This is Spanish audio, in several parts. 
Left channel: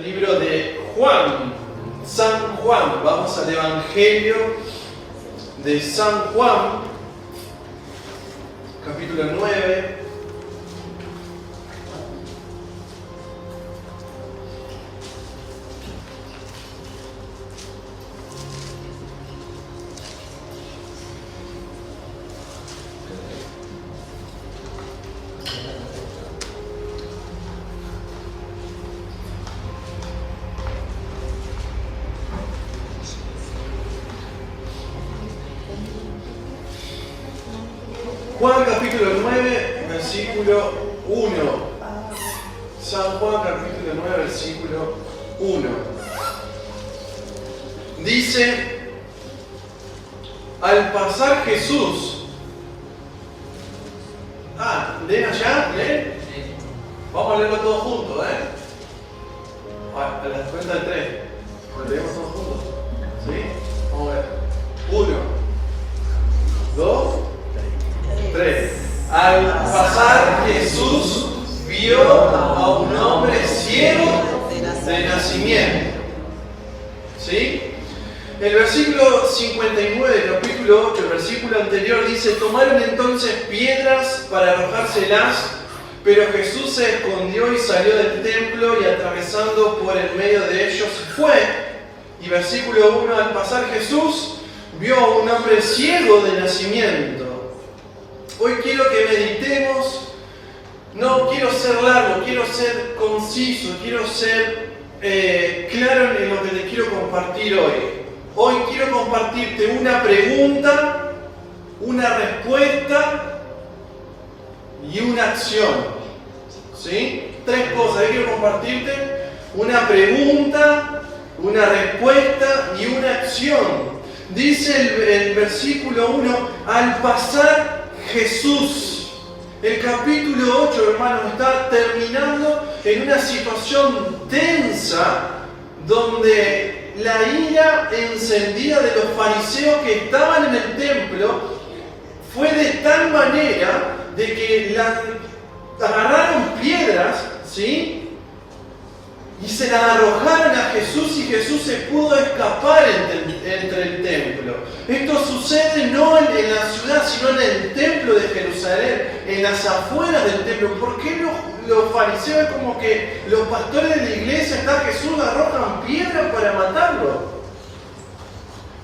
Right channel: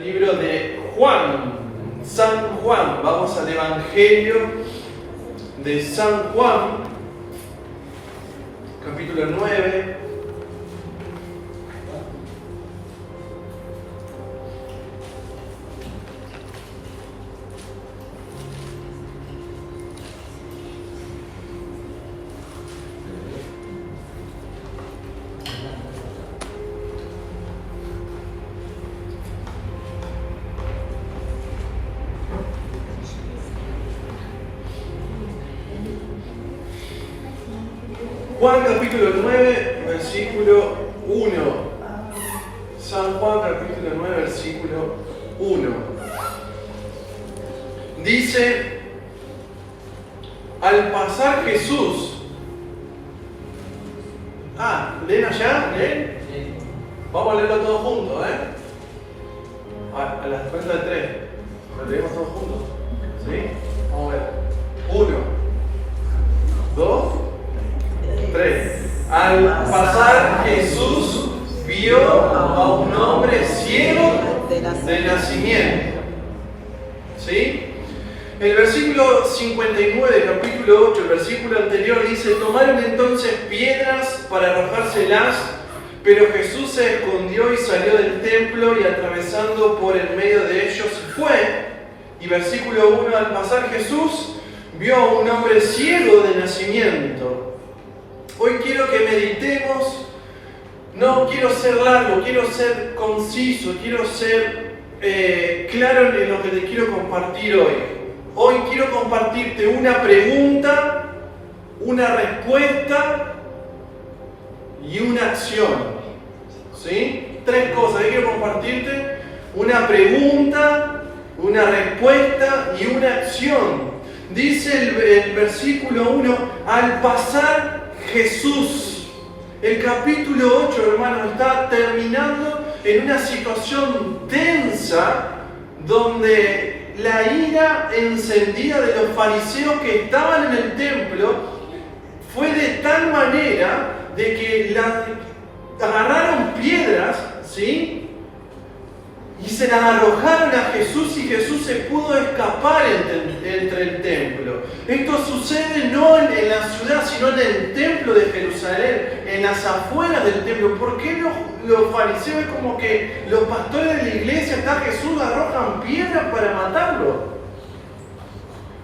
el libro de Juan, San Juan. Vamos al Evangelio de San Juan, capítulo 9. Juan capítulo 9, versículo 1. San Juan capítulo 9, versículo 1. Dice: al pasar Jesús. ¿Leen allá? ¿Leen? Vamos a leerlo todos juntos, a las cuentas de 3. ¿Lo leemos todos juntos? ¿Sí? Vamos a ver. 1, 2, 3. Al pasar Jesús vio a un hombre ciego de nacimiento. ¿Sí? El versículo 59 del capítulo 8, el versículo anterior dice: tomaron entonces piedras para arrojárselas, pero Jesús se escondió y salió del templo y atravesando por el medio de ellos fue. Y versículo 1, al pasar Jesús vio a un hombre ciego de nacimiento. Hoy quiero que meditemos, no quiero ser largo, quiero ser conciso, quiero ser claro en lo que te quiero compartir hoy. Hoy quiero compartirte una pregunta, una respuesta y una acción. ¿Sí? 3 cosas que quiero compartirte: una pregunta, una respuesta y una acción. Dice el versículo 1, al pasar Jesús. El capítulo 8, hermanos, está terminando en una situación tensa donde la ira encendida de los fariseos que estaban en el templo fue de tal manera de que agarraron piedras, ¿sí? Y se las arrojaron a Jesús y Jesús se pudo escapar entre el templo. Esto sucede no en la ciudad, sino en el templo de Jerusalén, en las afueras del templo. ¿Por qué los fariseos, como que los pastores de la iglesia, está Jesús, arrojan piedras para matarlo?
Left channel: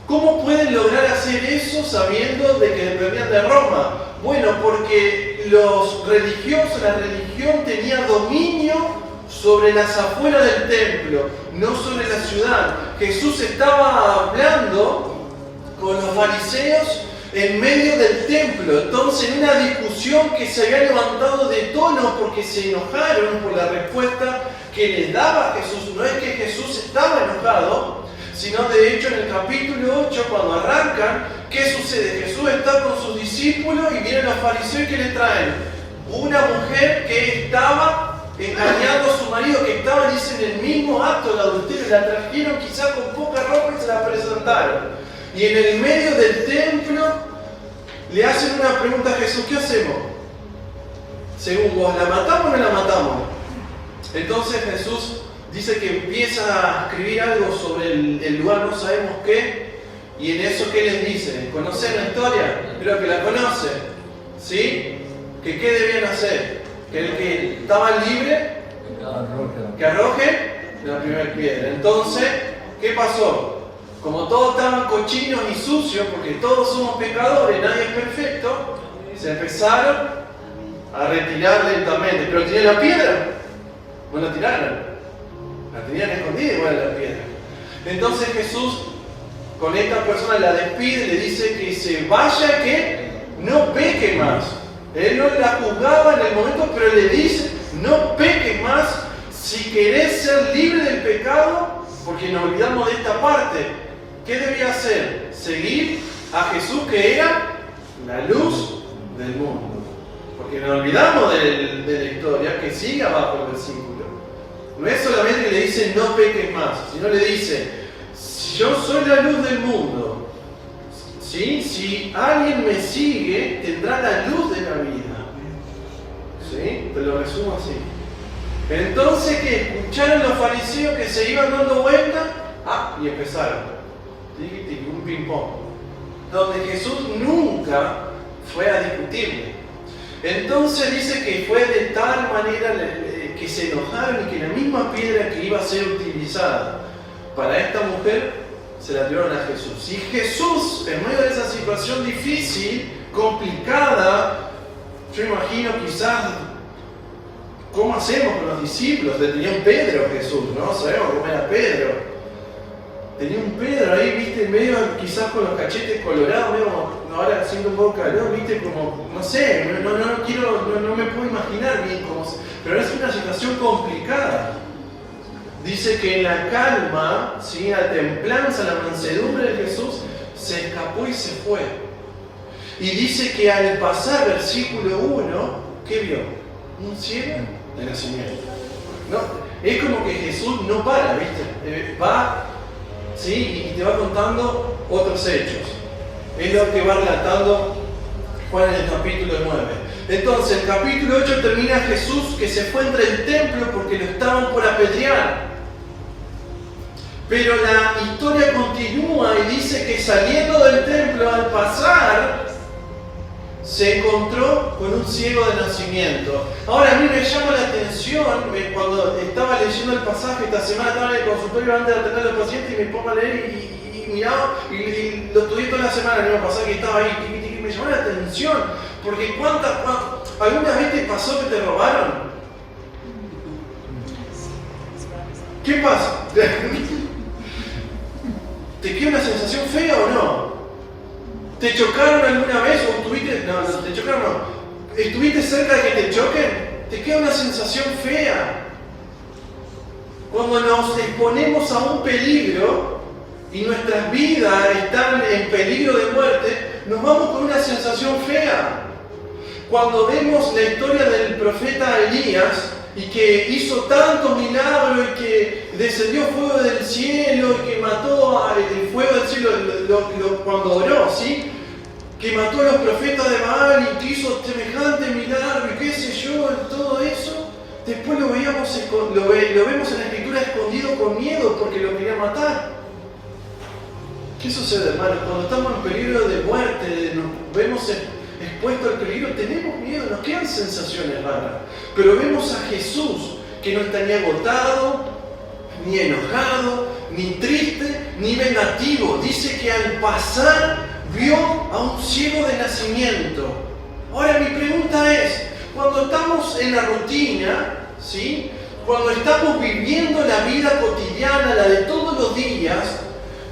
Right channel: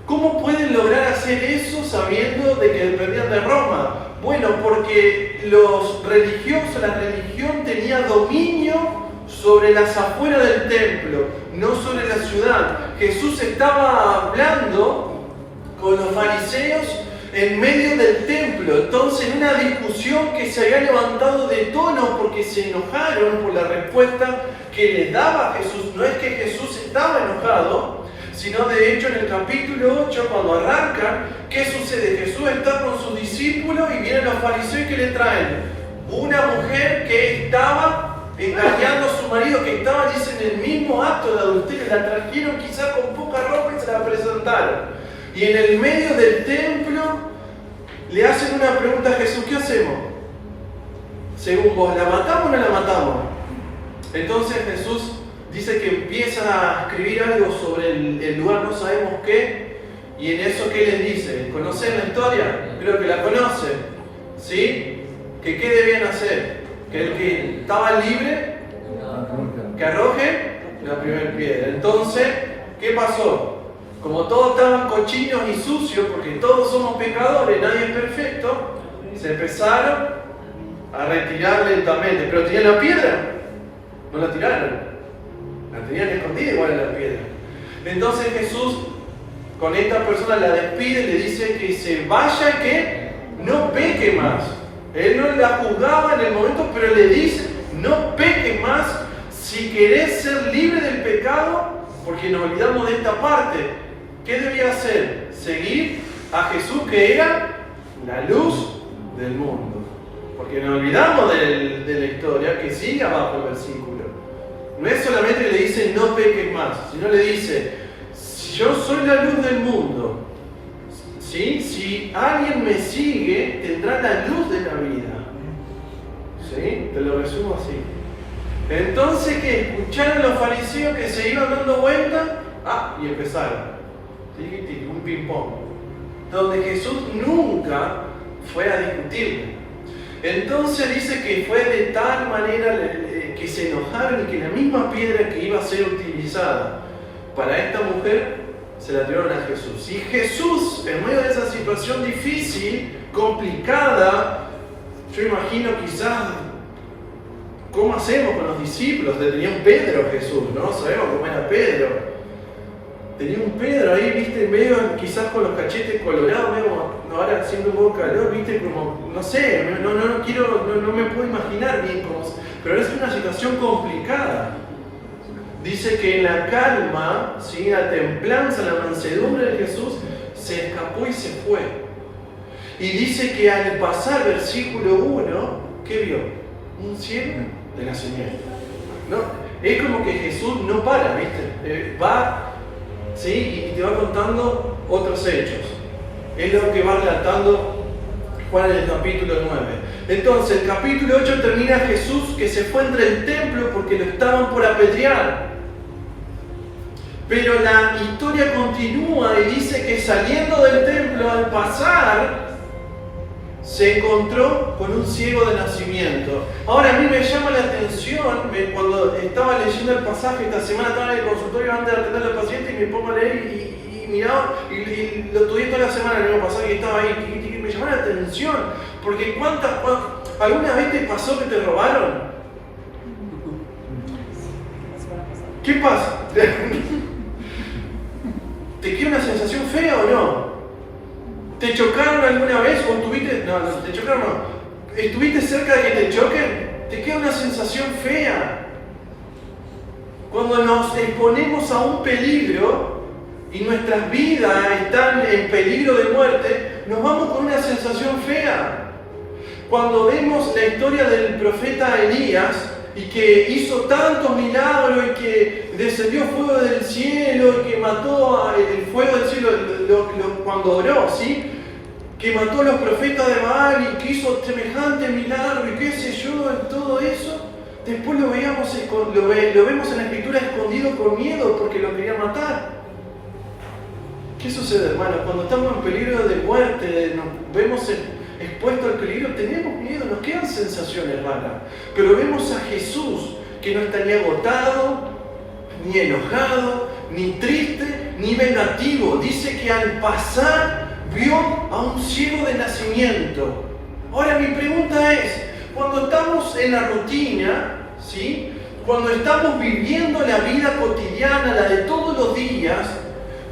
¿Cómo pueden lograr hacer eso sabiendo de que dependían de Roma? Bueno, porque los religiosos, la religión tenía dominio sobre las afueras del templo, no sobre la ciudad. Jesús estaba hablando con los fariseos en medio del templo. Entonces, en una discusión que se había levantado de tono porque se enojaron por la respuesta que les daba Jesús. No es que Jesús estaba enojado, sino de hecho en el capítulo 8, cuando arrancan, ¿qué sucede? Jesús está con sus discípulos y vienen los fariseos que le traen una mujer que estaba engañando a su marido, que estaba, dicen, en el mismo acto de adulterio. La trajeron quizá con poca ropa y se la presentaron. Y en el medio del templo le hacen una pregunta a Jesús: ¿qué hacemos? Según vos, ¿la matamos o no la matamos? Entonces Jesús dice que empieza a escribir algo sobre el lugar, no sabemos qué. Y en eso, ¿qué les dice? ¿Conocen la historia? Creo que la conocen. ¿Sí? ¿Que qué debían hacer? Que el que estaba libre, que arroje la primera piedra. Entonces, ¿qué pasó? Como todos estaban cochinos y sucios, porque todos somos pecadores, nadie es perfecto, se empezaron a retirar lentamente. Pero tenían la piedra, no la tiraron, la tenían escondida igual la piedra. Entonces Jesús con esta persona la despide, le dice que se vaya, que no peque más. Él no la juzgaba en el momento, pero le dice: no peques más si querés ser libre del pecado, porque nos olvidamos de esta parte. ¿Qué debía hacer? Seguir a Jesús, que era la luz del mundo. Porque nos olvidamos de la historia que sigue abajo el versículo. No es solamente que le dice no peques más, sino le dice: yo soy la luz del mundo. ¿Sí? Si alguien me sigue, tendrá la luz de la vida. ¿Sí? Te lo resumo así. Entonces que escucharon los fariseos que se iban dando vuelta, y empezaron. Un ping-pong. Donde Jesús nunca fue a discutirle. Entonces dice que fue de tal manera que se enojaron y que la misma piedra que iba a ser utilizada para esta mujer se la tiraron a Jesús. Y Jesús, en medio de esa situación difícil, complicada, yo imagino quizás, ¿cómo hacemos con los discípulos? Tenía un Pedro Jesús, ¿no? Sabemos cómo era Pedro. Tenía un Pedro ahí, viste, medio quizás con los cachetes colorados, medio, ahora haciendo un poco calor, viste, como, no sé, no me puedo imaginar bien cómo, pero es una situación complicada. Dice que en la calma, ¿sí?, la templanza, la mansedumbre de Jesús, se escapó y se fue. Y dice que al pasar, versículo 1, ¿qué vio? Un ciego de nacimiento. ¿No? Es como que Jesús no para, ¿viste? Va, ¿sí?, y te va contando otros hechos. Es lo que va relatando Juan en el capítulo 9. Entonces, el capítulo 8 termina Jesús que se fue entre el templo porque lo estaban por apedrear. Pero la historia continúa y dice que saliendo del templo, al pasar, se encontró con un ciego de nacimiento. Ahora a mí me llama la atención, cuando estaba leyendo el pasaje esta semana, estaba en el consultorio antes de atender al paciente y me pongo a leer y miraba, y lo estudié toda la semana, el año pasado que estaba ahí, me llamó la atención, porque ¿alguna vez te pasó que te robaron? ¿Qué pasa? ¿Te queda una sensación fea o no? ¿Te chocaron alguna vez o estuviste... No, te chocaron no. ¿Estuviste cerca de que te choquen? Te queda una sensación fea. Cuando nos exponemos a un peligro y nuestras vidas están en peligro de muerte, nos vamos con una sensación fea. Cuando vemos la historia del profeta Elías, y que hizo tantos milagros, y que descendió fuego del cielo, y que mató el fuego del cielo cuando oró, ¿sí?, que mató a los profetas de Baal y que hizo semejante milagro y qué sé yo, en todo eso, después lo vemos en la escritura escondido con miedo porque lo quería matar. ¿Qué sucede, hermanos? Cuando estamos en peligro de muerte, nos vemos expuestos al peligro, tenemos miedo, nos quedan sensaciones raras. Pero vemos a Jesús que no está ni agotado, ni enojado, ni triste, ni vengativo. Dice que al pasar vio a un ciego de nacimiento. Ahora mi pregunta es, cuando estamos en la rutina, ¿sí?, cuando estamos viviendo la vida cotidiana, la de todos los días,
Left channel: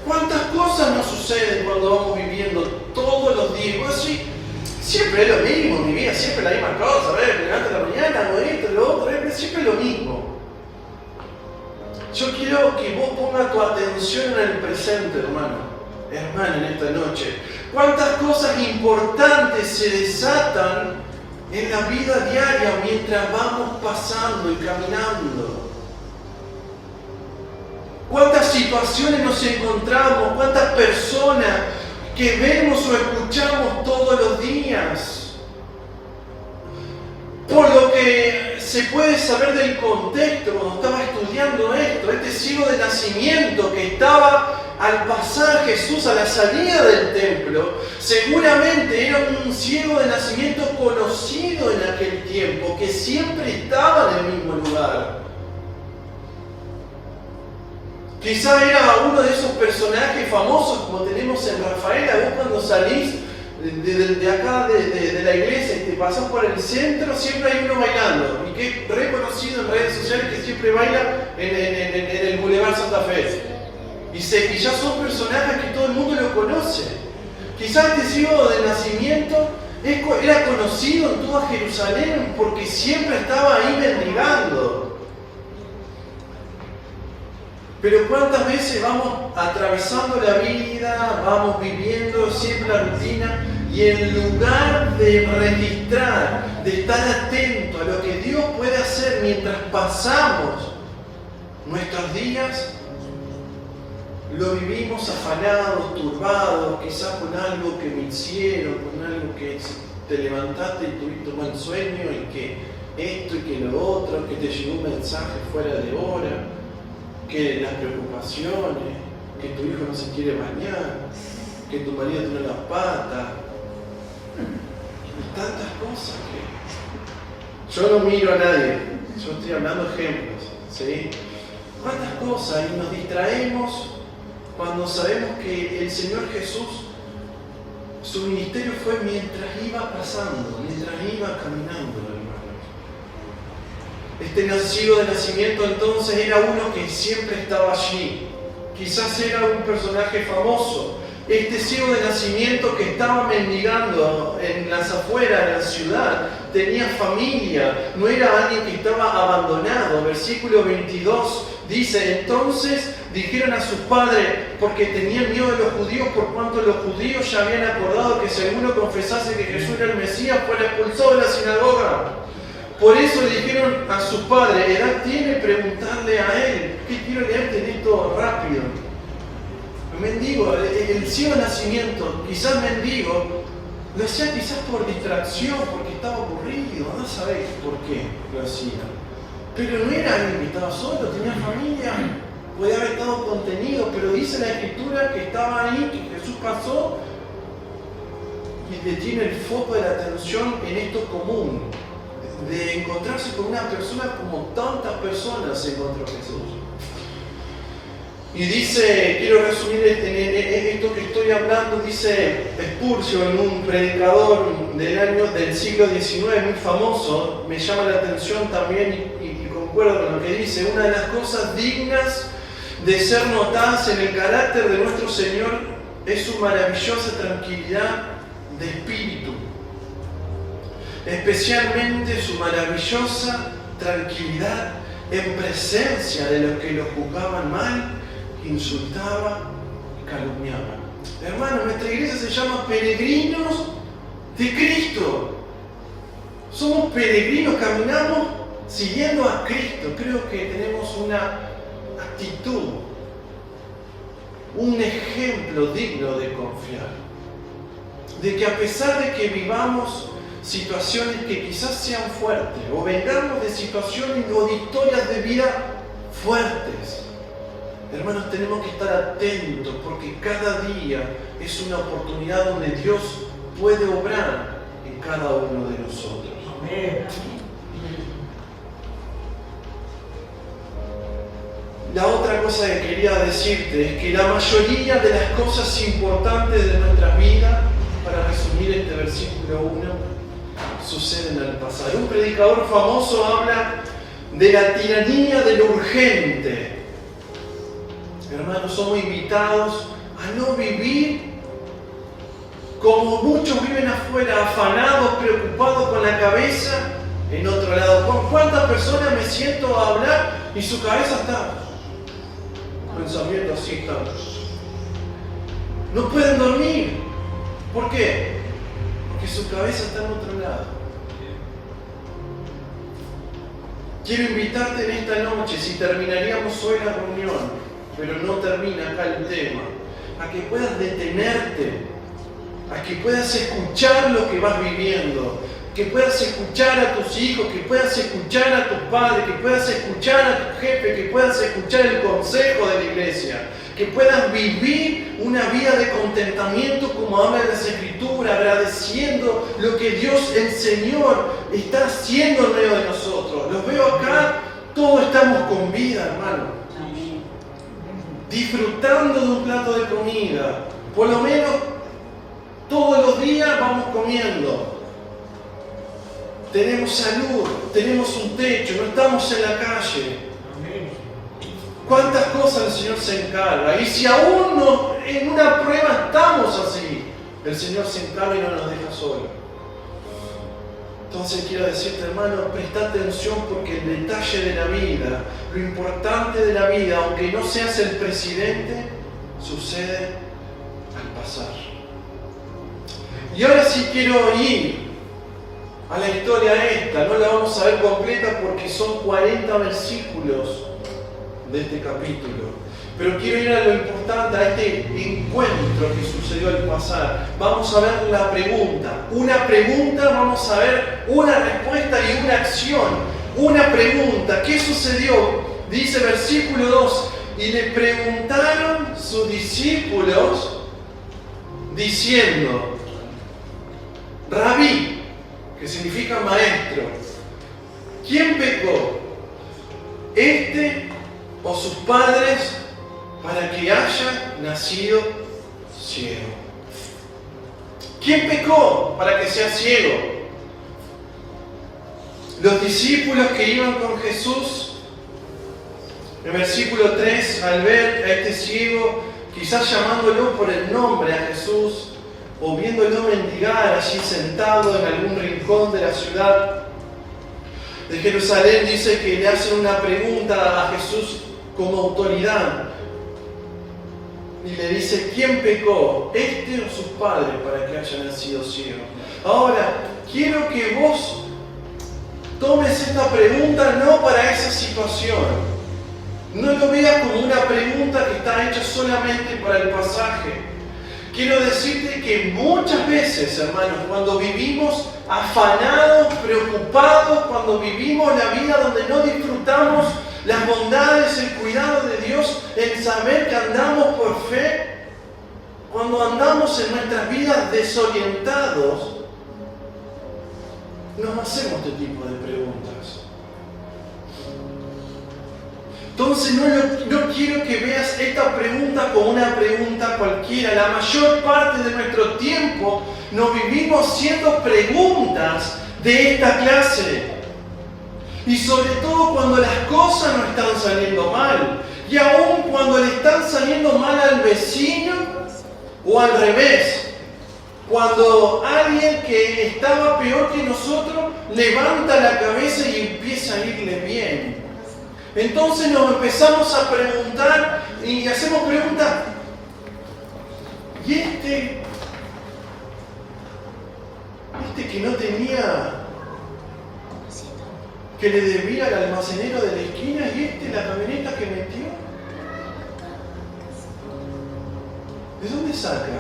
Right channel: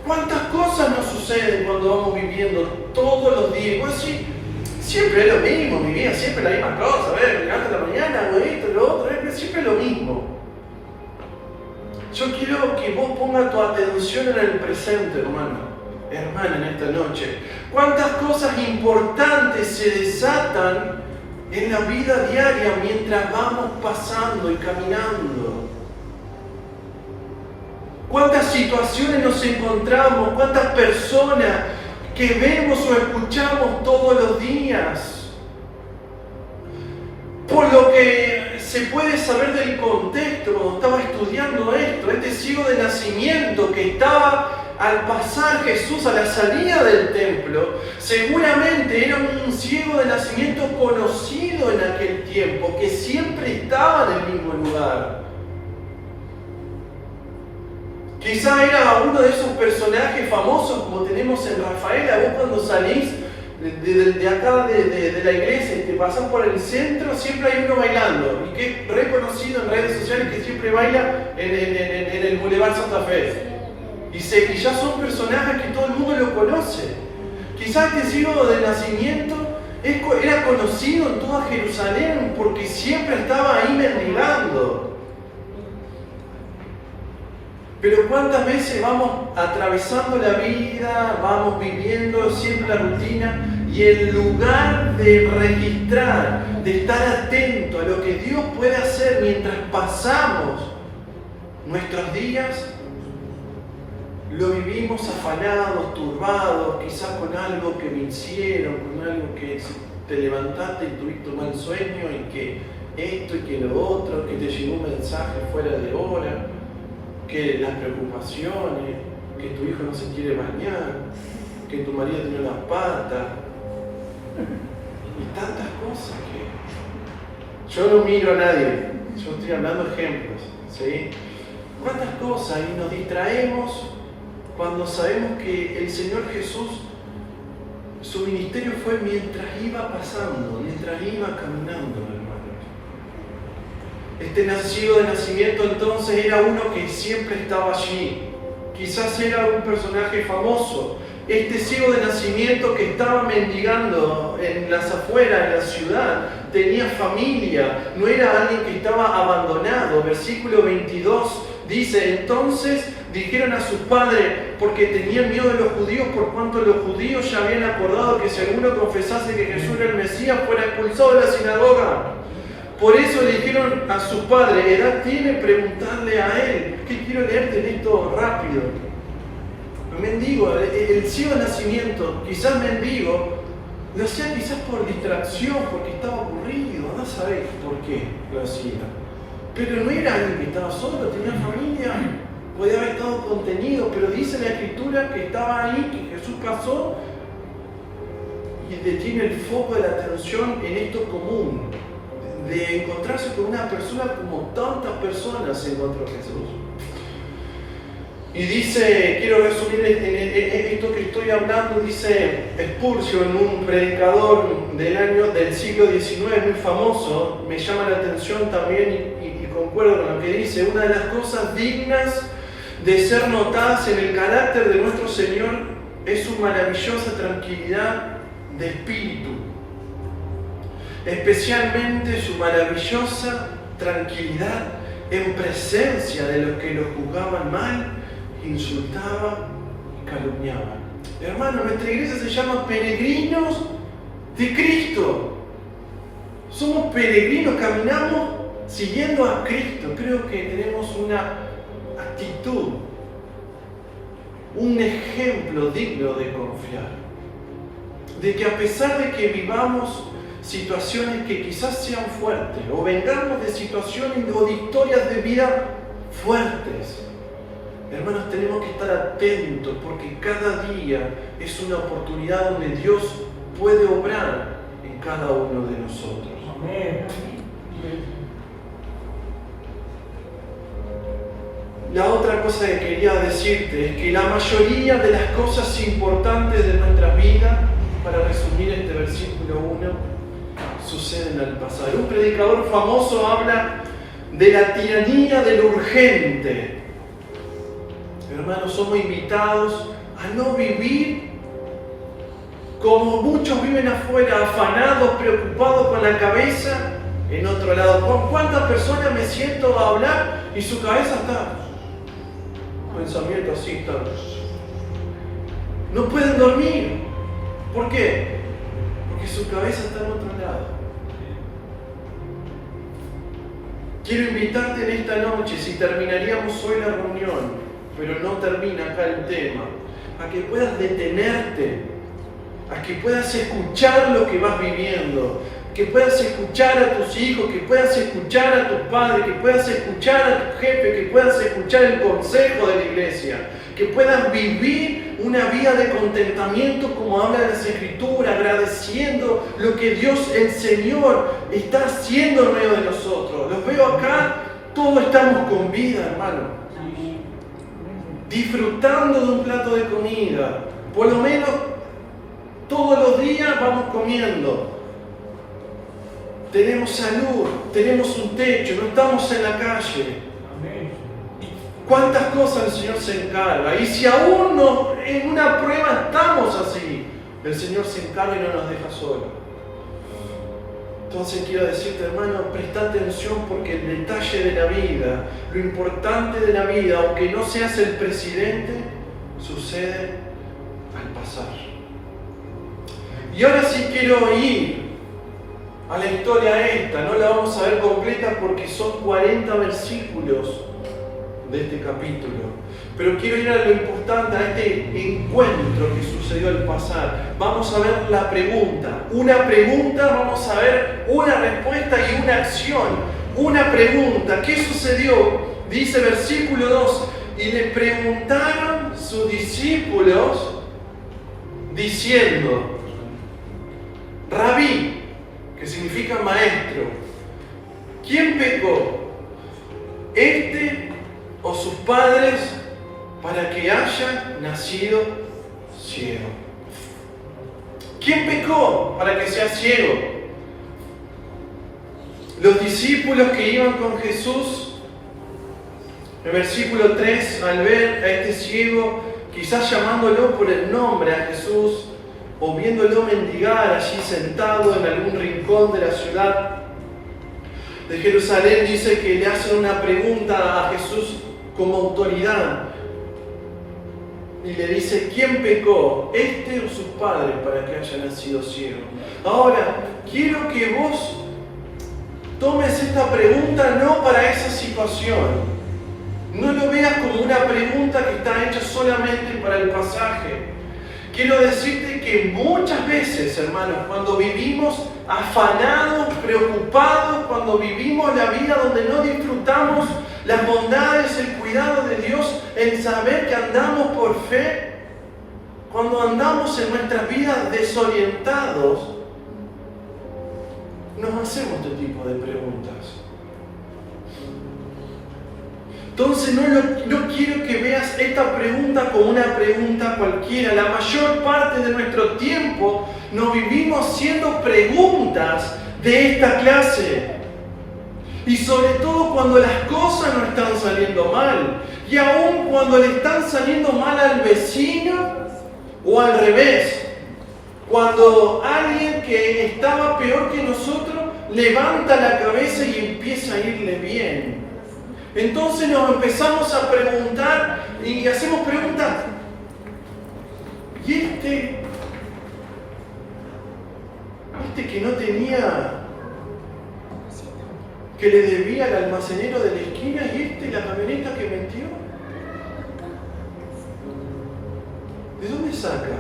¿cuántas cosas nos suceden cuando vamos viviendo todos los días? Pues sí, siempre es lo mismo, mi vida, siempre la misma cosa, a ver, me levanto en la mañana, hago esto, lo otro, siempre es lo mismo. Yo quiero que vos pongas tu atención en el presente, hermana, en esta noche. ¿Cuántas cosas importantes se desatan en la vida diaria mientras vamos pasando y caminando? ¿Cuántas situaciones nos encontramos? ¿Cuántas personas que vemos o escuchamos todos los días? Por lo que se puede saber del contexto, cuando estaba estudiando esto, este ciego de nacimiento que estaba al pasar Jesús a la salida del templo, seguramente era un ciego de nacimiento conocido en aquel tiempo, que siempre estaba en el mismo lugar. Quizá era uno de esos personajes famosos como tenemos en Rafaela. Vos cuando salís de acá de la iglesia y te pasás por el centro, siempre hay uno bailando, y que es reconocido en redes sociales, que siempre baila en el Boulevard Santa Fe. Y ya son personajes que todo el mundo lo conoce. Quizás este ciego de nacimiento era conocido en toda Jerusalén porque siempre estaba ahí mendigando. Pero ¿cuántas veces vamos atravesando la vida, vamos viviendo siempre la rutina, y en lugar de registrar, de estar atento a lo que Dios puede hacer mientras pasamos nuestros días, lo vivimos afanados, turbados, quizás con algo que me hicieron, con algo que te levantaste y tuviste un buen sueño y que esto y que lo otro, que te llegó un mensaje fuera de hora, que las preocupaciones, que tu hijo no se quiere bañar, que tu marido tiene la pata, y tantas cosas que yo no miro a nadie, yo estoy hablando ejemplos, ¿sí? Tantas cosas y nos distraemos cuando sabemos que el Señor Jesús, su ministerio fue mientras iba pasando, mientras iba caminando, hermano. Este nacido de nacimiento entonces era uno que siempre estaba allí. Quizás era un personaje famoso. Este ciego de nacimiento que estaba mendigando en las afueras de la ciudad, tenía familia, no era alguien que estaba abandonado. Versículo 22 dice, entonces dijeron a sus padres, porque tenían miedo de los judíos, por cuanto los judíos ya habían acordado que si alguno confesase que Jesús era el Mesías, fuera expulsado de la sinagoga. Por eso le dijeron a sus padres, edad tiene preguntarle a él. ¿Qué quiero leerte en esto rápido? Mendigo, el ciego de nacimiento, quizás mendigo, lo hacía quizás por distracción, porque estaba aburrido, no sabéis por qué lo hacía. Pero no era alguien que estaba solo, tenía familia, podía haber estado contenido, pero dice la Escritura que estaba ahí, que Jesús pasó y detiene el foco de la atención en esto común, de encontrarse con una persona como tantas personas se encontró Jesús. Y dice, quiero resumir esto que estoy hablando, dice Spurgeon, un predicador del siglo XIX muy famoso, me llama la atención también y concuerdo con lo que dice, una de las cosas dignas de ser notadas en el carácter de nuestro Señor es su maravillosa tranquilidad de espíritu, especialmente su maravillosa tranquilidad en presencia de los que lo juzgaban mal, insultaban y calumniaban. Hermano, nuestra iglesia se llama Peregrinos de Cristo. Somos peregrinos, caminamos siguiendo a Cristo. Creo que tenemos una actitud, un ejemplo digno de confiar. De que a pesar de que vivamos situaciones que quizás sean fuertes, o vengamos de situaciones o de historias de vida fuertes, hermanos, tenemos que estar atentos porque cada día es una oportunidad donde Dios puede obrar en cada uno de nosotros. Amén. La otra cosa que quería decirte es que la mayoría de las cosas importantes de nuestras vidas, para resumir este versículo 1, suceden al pasar. Un predicador famoso habla de la tiranía de lo urgente. Hermanos, somos invitados a no vivir como muchos viven afuera, afanados, preocupados con la cabeza en otro lado. ¿Con cuántas personas me siento a hablar y su cabeza está? Pensamiento así está. No pueden dormir. ¿Por qué? Porque su cabeza está en otro lado. Quiero invitarte en esta noche, si terminaríamos hoy la reunión, pero no termina acá el tema, a que puedas detenerte, a que puedas escuchar lo que vas viviendo, que puedas escuchar a tus hijos, que puedas escuchar a tus padres, que puedas escuchar a tu jefe, que puedas escuchar el consejo de la iglesia, que puedas vivir una vida de contentamiento como habla en las Escrituras, agradeciendo lo que Dios, el Señor, está haciendo en medio de nosotros. Los veo acá, todos estamos con vida, hermano. Disfrutando de un plato de comida. Por lo menos todos los días vamos comiendo. Tenemos salud, tenemos un techo, no estamos en la calle. ¿Cuántas cosas el Señor se encarga? Y si aún no, en una prueba estamos así, el Señor se encarga y no nos deja solos. Entonces quiero decirte, hermano, presta atención porque el detalle de la vida, lo importante de la vida, aunque no seas el presidente, sucede al pasar. Y ahora sí quiero ir a la historia esta, no la vamos a ver completa porque son 40 versículos de este capítulo. Pero quiero ir a lo importante, a este encuentro que sucedió al pasar. Vamos a ver la pregunta. Una pregunta, vamos a ver una respuesta y una acción. Una pregunta. ¿Qué sucedió? Dice versículo 2. Y le preguntaron sus discípulos diciendo, Rabí, que significa maestro, ¿quién pecó? ¿Este o sus padres para que haya nacido ciego? ¿Quién pecó para que sea ciego? Los discípulos que iban con Jesús, en el versículo 3, al ver a este ciego, quizás llamándolo por el nombre a Jesús, o viéndolo mendigar allí sentado en algún rincón de la ciudad de Jerusalén, dice que le hacen una pregunta a Jesús como autoridad. Y le dice, ¿quién pecó? ¿Este o sus padres para que haya nacido ciego? Ahora, quiero que vos tomes esta pregunta no para esa situación. No lo veas como una pregunta que está hecha solamente para el pasaje. Quiero decirte que muchas veces, hermanos, cuando vivimos afanados, preocupados, cuando vivimos la vida donde no disfrutamos las bondades, el cuidado de Dios, el saber que andamos por fe, cuando andamos en nuestras vidas desorientados, nos hacemos este tipo de preguntas. Entonces no quiero que veas esta pregunta como una pregunta cualquiera. La mayor parte de nuestro tiempo nos vivimos haciendo preguntas de esta clase. Y sobre todo cuando las cosas no están saliendo mal. Y aún cuando le están saliendo mal al vecino o al revés. Cuando alguien que estaba peor que nosotros levanta la cabeza y empieza a irle bien. Entonces nos empezamos a preguntar y hacemos preguntas. ¿Y este que no tenía, que le debía al almacenero de la esquina, y la camioneta que metió? ¿De dónde saca?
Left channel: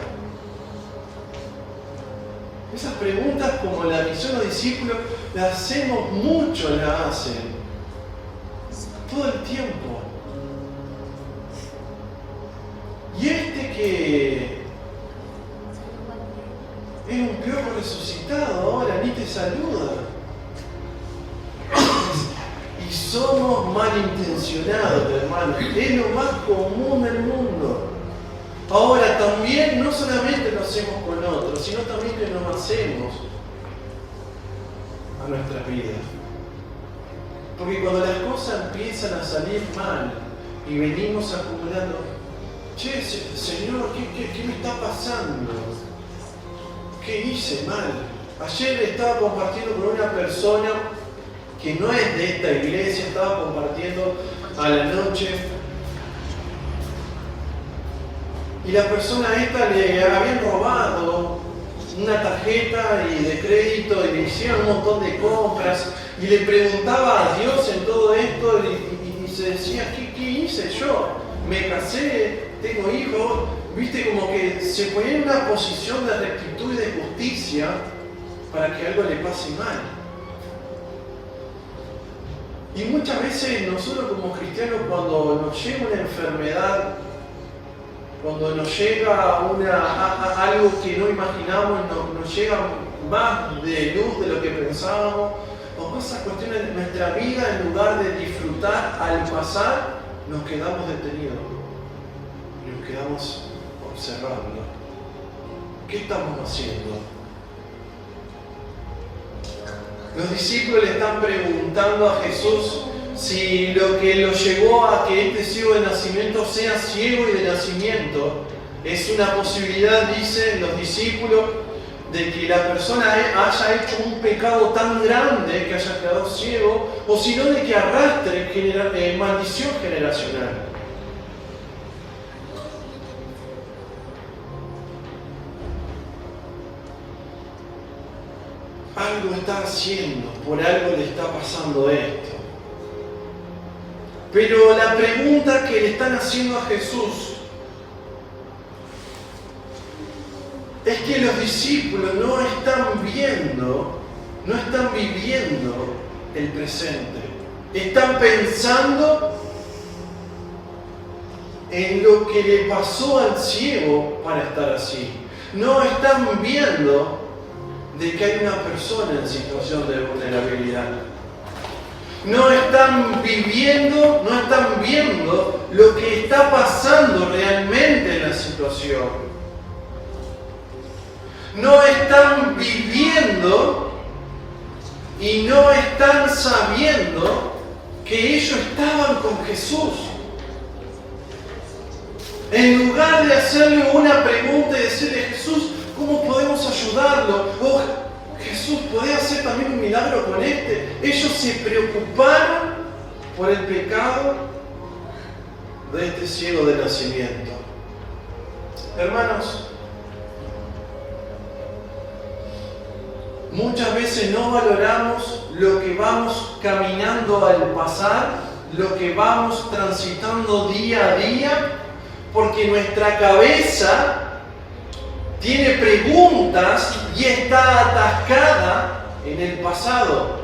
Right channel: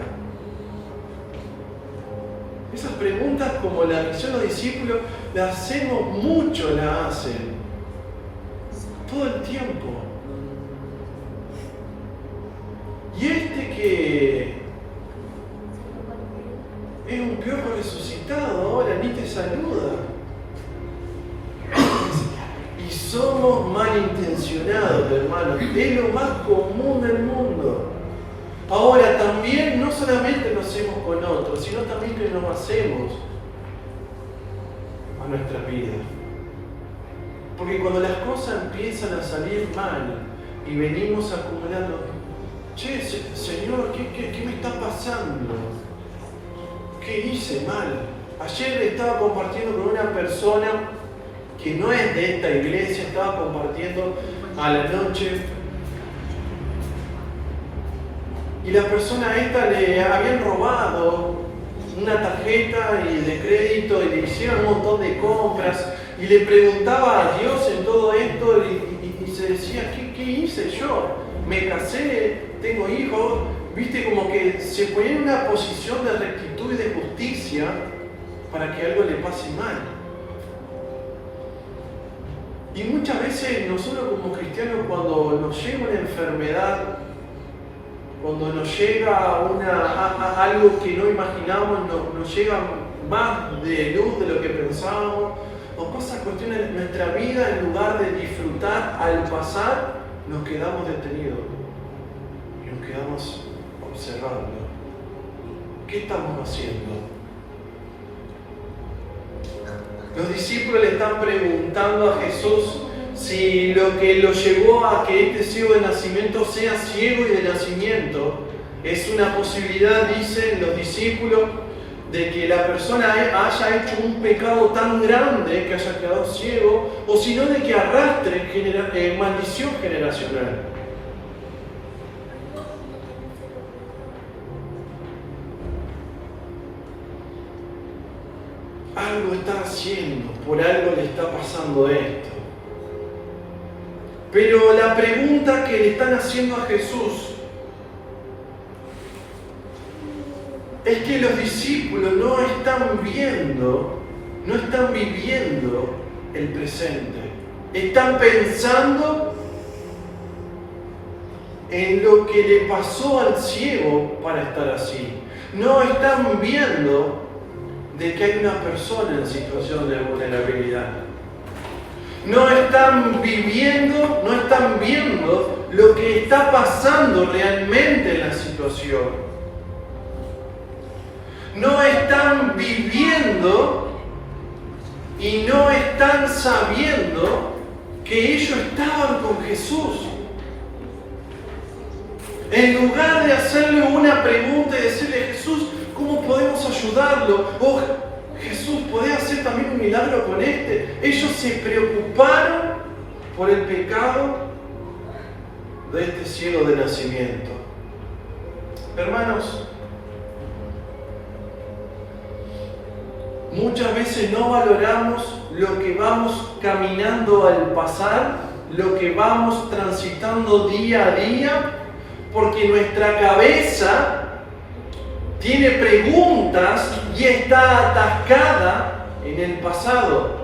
Esas preguntas, como la misión de los discípulos, las hacemos mucho, la hacen. Todo el tiempo. Y que es un piojo resucitado, ahora ni te saluda. Y somos malintencionados, hermanos. Es lo más común del mundo. Ahora también no solamente lo hacemos con otros, sino también que nos hacemos a nuestras vidas. Porque cuando las cosas empiezan a salir mal y venimos acumulando, che, Señor, ¿qué me está pasando? ¿Qué hice mal? Ayer estaba compartiendo con una persona que no es de esta iglesia, estaba compartiendo a la noche. Y la persona esta le habían robado una tarjeta de crédito y le hicieron un montón de compras. Y le preguntaba a Dios en todo esto y se decía, ¿qué hice yo? Me casé, tengo hijos. Viste, como que se ponía en una posición de rectitud y de justicia para que algo le pase mal. Y muchas veces nosotros como cristianos, cuando nos llega una enfermedad, cuando nos llega algo que no imaginamos, nos llega más de luz de lo que pensábamos, o cosas, cuestiones de nuestra vida, en lugar de disfrutar al pasar, nos quedamos detenidos. Nos quedamos observando. ¿Qué estamos haciendo? Los discípulos le están preguntando a Jesús si lo que lo llevó a que este ciego de nacimiento sea ciego y de nacimiento es una posibilidad, dicen los discípulos, de que la persona haya hecho un pecado tan grande que haya quedado ciego, o sino de que arrastre maldición generacional. Algo está haciendo, por algo le está pasando esto. Pero la pregunta que le están haciendo a Jesús es que los discípulos no están viviendo el presente. Están pensando en lo que le pasó al ciego para estar así. No están viendo de que hay una persona en situación de vulnerabilidad. No están viendo lo que está pasando realmente en la situación. No están viviendo y no están sabiendo que ellos estaban con Jesús. En lugar de hacerle una pregunta y decirle, Jesús, ¿cómo podemos ayudarlo? Oh, Jesús, ¿podés hacer también un milagro con este? Ellos se preocuparon por el pecado de este ciego de nacimiento. Hermanos, muchas veces no valoramos lo que vamos caminando al pasar, lo que vamos transitando día a día, porque nuestra cabeza tiene preguntas y está atascada en el pasado.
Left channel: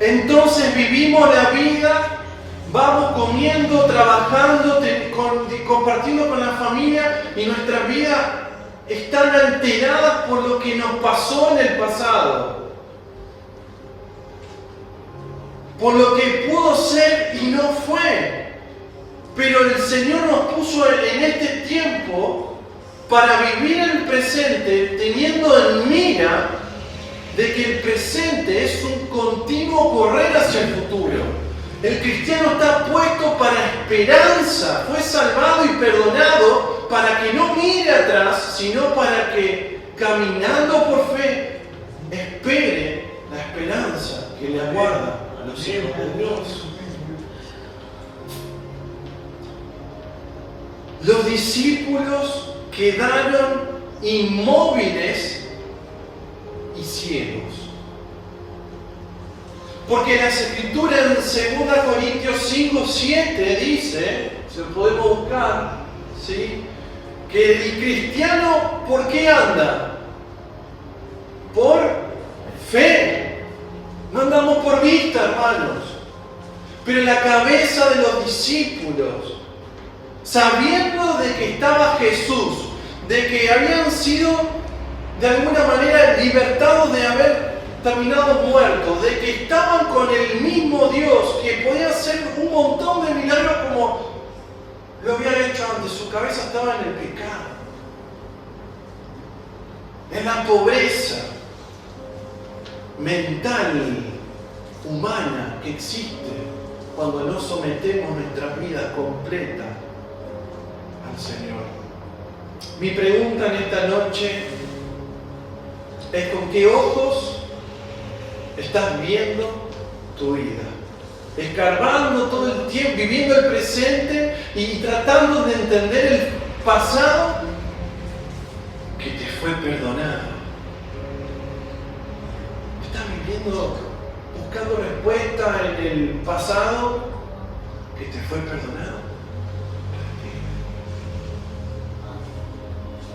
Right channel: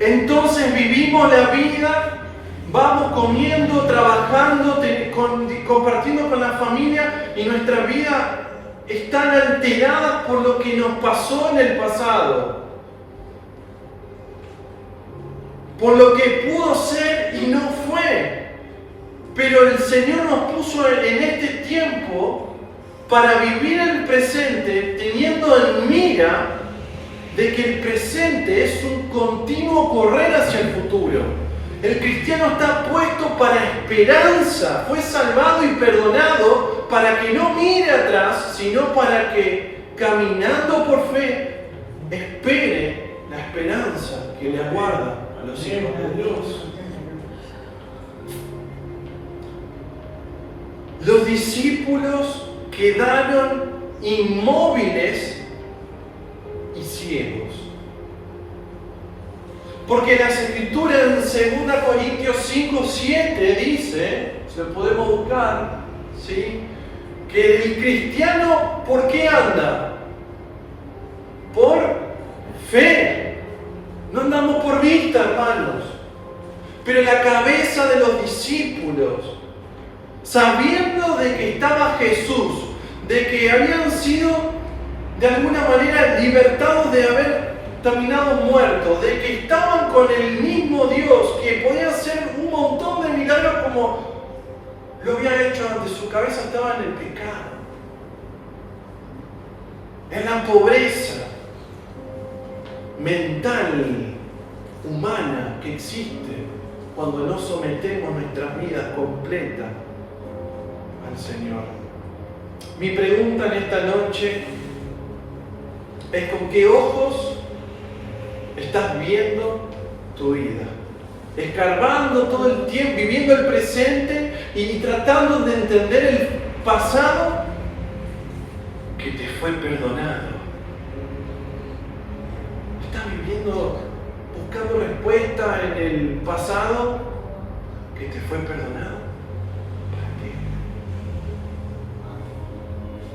Entonces vivimos la vida, vamos comiendo, trabajando, compartiendo con la familia y nuestra vida están alteradas por lo que nos pasó en el pasado. Por lo que pudo ser y no fue. Pero el Señor nos puso en este tiempo para vivir el presente, teniendo en mira de que el presente es un continuo correr hacia el futuro. El cristiano está puesto para esperanza, fue salvado y perdonado para que no mire atrás, sino para que, caminando por fe, espere la esperanza que le aguarda a los hijos de Dios. Los discípulos quedaron inmóviles y ciegos. Porque las Escrituras en 2 Corintios 5:7 dice, si lo podemos buscar, ¿sí?, que el cristiano, ¿por qué anda? Por fe. No andamos por vista, hermanos. Pero la cabeza de los discípulos, sabiendo de que estaba Jesús, de que habían sido de alguna manera libertados de haber terminado muertos, de que estaban con el mismo Dios, que podía hacer un montón de milagros como lo había hecho antes, su cabeza estaba en el pecado, en la pobreza mental, humana que existe cuando no sometemos nuestras vidas completas al Señor. Mi pregunta en esta noche es: ¿con qué ojos estás viendo tu vida? Escarbando todo el tiempo, viviendo el presente y tratando de entender el pasado que te fue perdonado. ¿Estás viviendo, buscando respuesta en el pasado que te fue perdonado?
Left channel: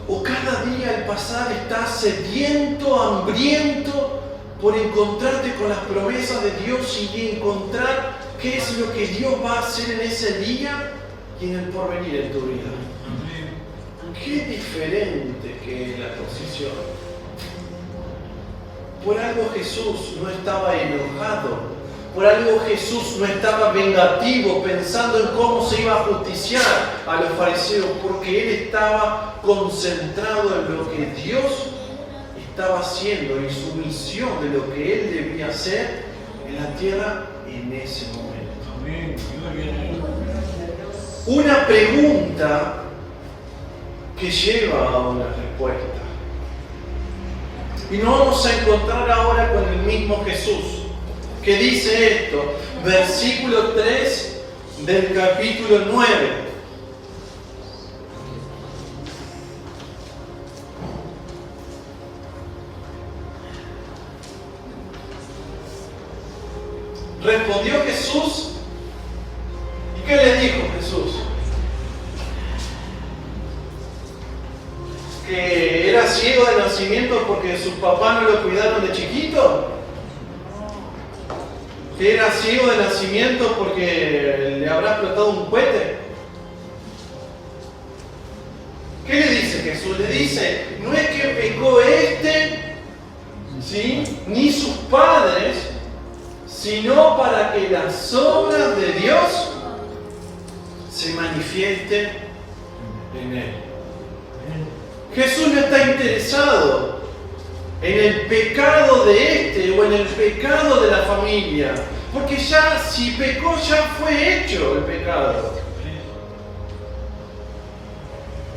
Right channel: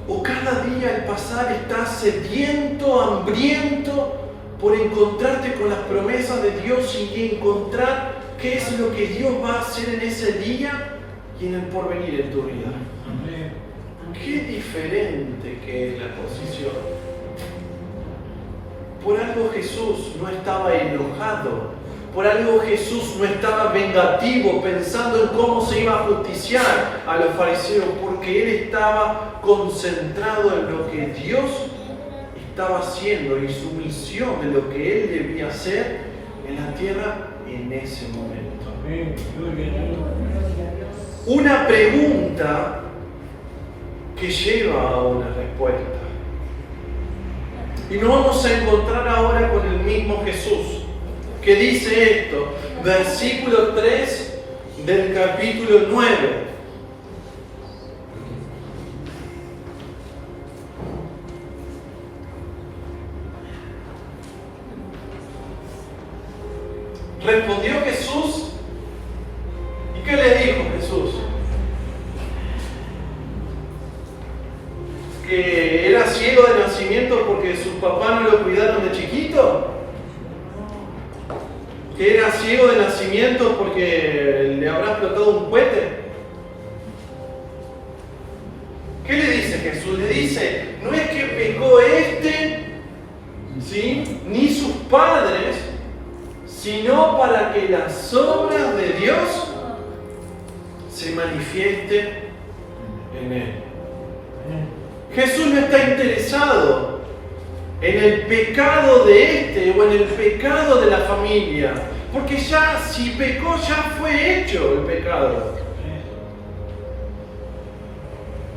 ¿O cada día al pasar estás sediento, hambriento por encontrarte con las promesas de Dios y encontrar qué es lo que Dios va a hacer en ese día y en el porvenir en tu vida? Qué diferente que es la posición. Por algo Jesús no estaba enojado, por algo Jesús no estaba vengativo pensando en cómo se iba a justiciar a los fariseos, porque Él estaba concentrado en lo que Dios estaba haciendo y su misión de lo que Él debía hacer en la tierra en ese momento. Una pregunta que lleva a una respuesta. Y nos vamos a encontrar ahora con el mismo Jesús, que dice esto, versículo 3 del capítulo 9. Respondió Jesús. ¿Y qué le dijo Jesús? ¿Que era ciego de nacimiento porque sus papás no lo cuidaron de chiquito? ¿Que era ciego de nacimiento porque le habrá explotado un cohete? ¿Qué le dice Jesús? Le dice, no es que pecó ¿sí?, ni sus padres, sino para que las obras de Dios se manifiesten en él. Jesús no está interesado en el pecado de o en el pecado de la familia, porque ya si pecó ya fue hecho el pecado.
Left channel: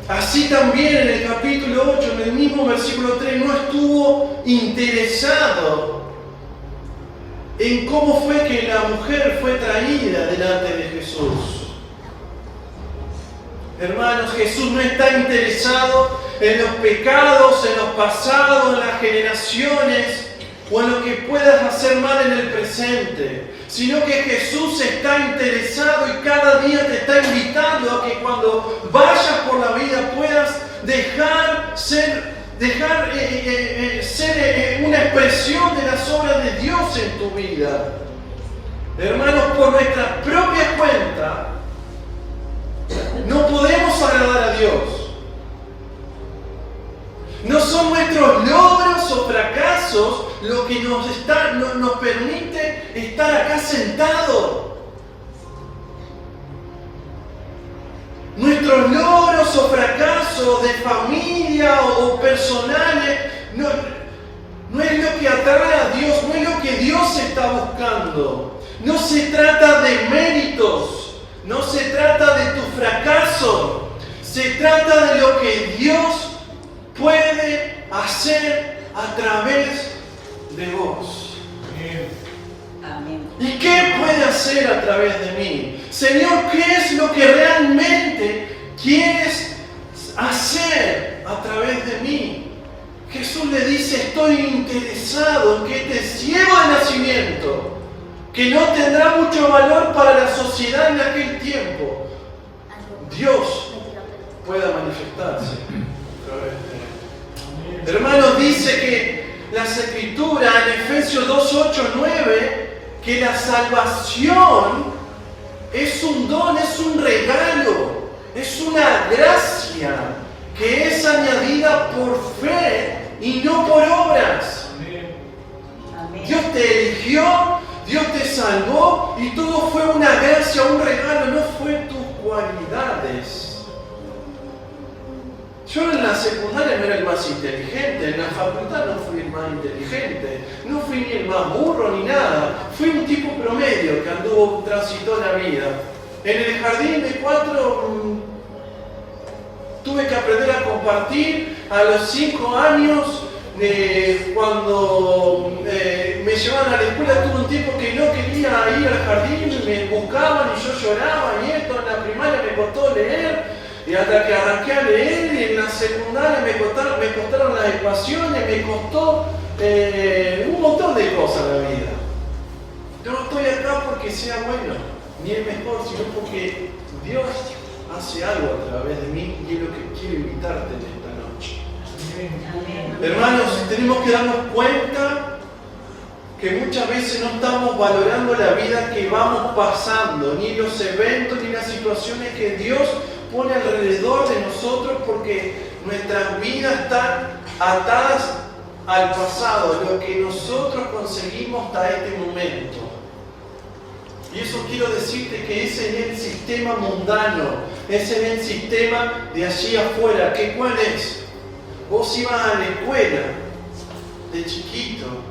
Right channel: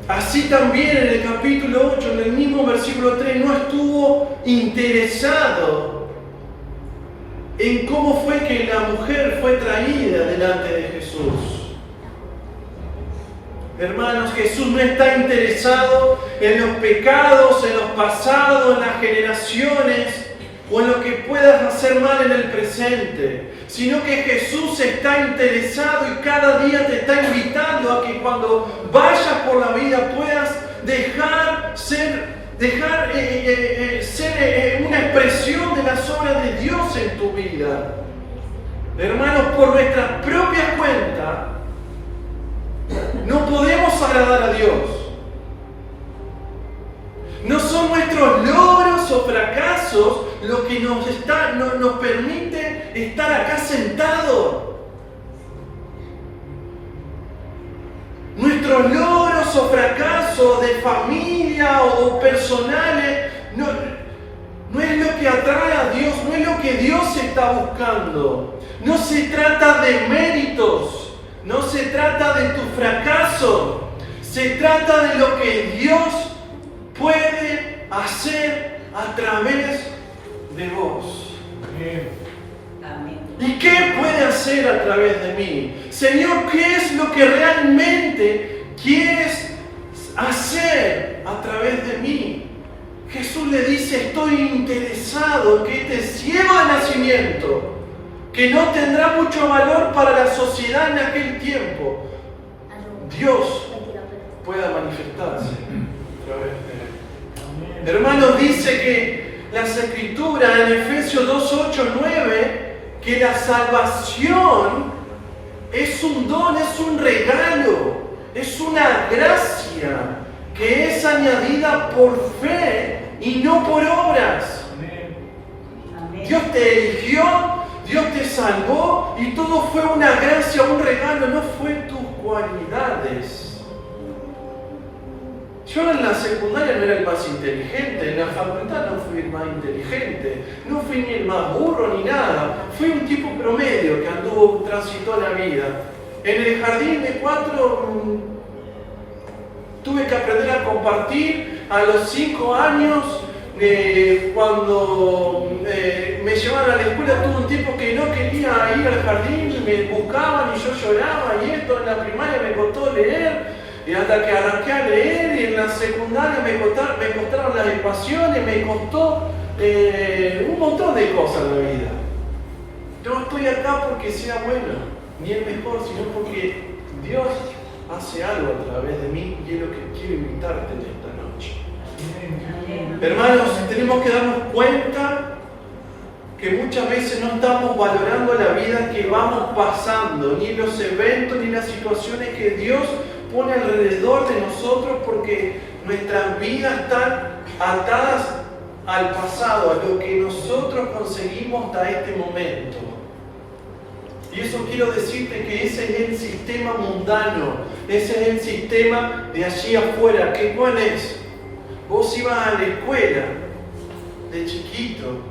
Así también en el capítulo 8, en el mismo versículo 3, no estuvo interesado en cómo fue que la mujer fue traída delante de Jesús. Hermanos, Jesús no está interesado en los pecados, en los pasados, en las generaciones o en lo que puedas hacer mal en el presente, sino que Jesús está interesado y cada día te está invitando a que cuando vayas por la vida puedas dejar ser una expresión de las obras de Dios en tu vida. Hermanos, por nuestra propia cuenta no podemos agradar a Dios. No son nuestros logros o fracasos lo que nos permite estar acá sentados. Nuestros logros o fracasos de familia o personales no es lo que atrae a Dios, no es lo que Dios está buscando. No se trata de méritos, no se trata de tu fracaso, se trata de lo que Dios puede hacer a través de vos. Amén. ¿Y qué puede hacer a través de mí? Señor, ¿qué es lo que realmente quieres hacer a través de mí? Jesús le dice, estoy interesado en que este ciego de nacimiento, que no tendrá mucho valor para la sociedad en aquel tiempo, Dios pueda manifestarse a través de él. Hermanos, dice que las Escrituras en Efesios 2, 8, 9, que la salvación es un don, es un regalo, es una gracia que es añadida por fe y no por obras. Dios te eligió, Dios te salvó y todo fue una gracia, un regalo, no fue tus cualidades. Yo en la secundaria no era el más inteligente, en la facultad no fui el más inteligente, no fui ni el más burro ni nada, fui un tipo promedio que transitó la vida. En el jardín de 4 tuve que aprender a compartir. A los 5 años, cuando me llevaban a la escuela, tuve un tiempo que no quería ir al jardín, me buscaban y yo lloraba, y esto en la primaria me costó leer. Y hasta que arranqué a leer, y en la secundaria me costaron las ecuaciones, me costó un montón de cosas en la vida. Yo no estoy acá porque sea bueno, ni el mejor, sino porque Dios hace algo a través de mí y es lo que quiero invitarte en esta noche. Hermanos, tenemos que darnos cuenta que muchas veces no estamos valorando la vida que vamos pasando, ni los eventos, ni las situaciones que Dios pone alrededor de nosotros, porque nuestras vidas están atadas al pasado, a lo que nosotros conseguimos hasta este momento. Y eso quiero decirte que ese es el sistema mundano, ese es el sistema de allí afuera. ¿Qué cuál es? Vos ibas a la escuela de chiquito,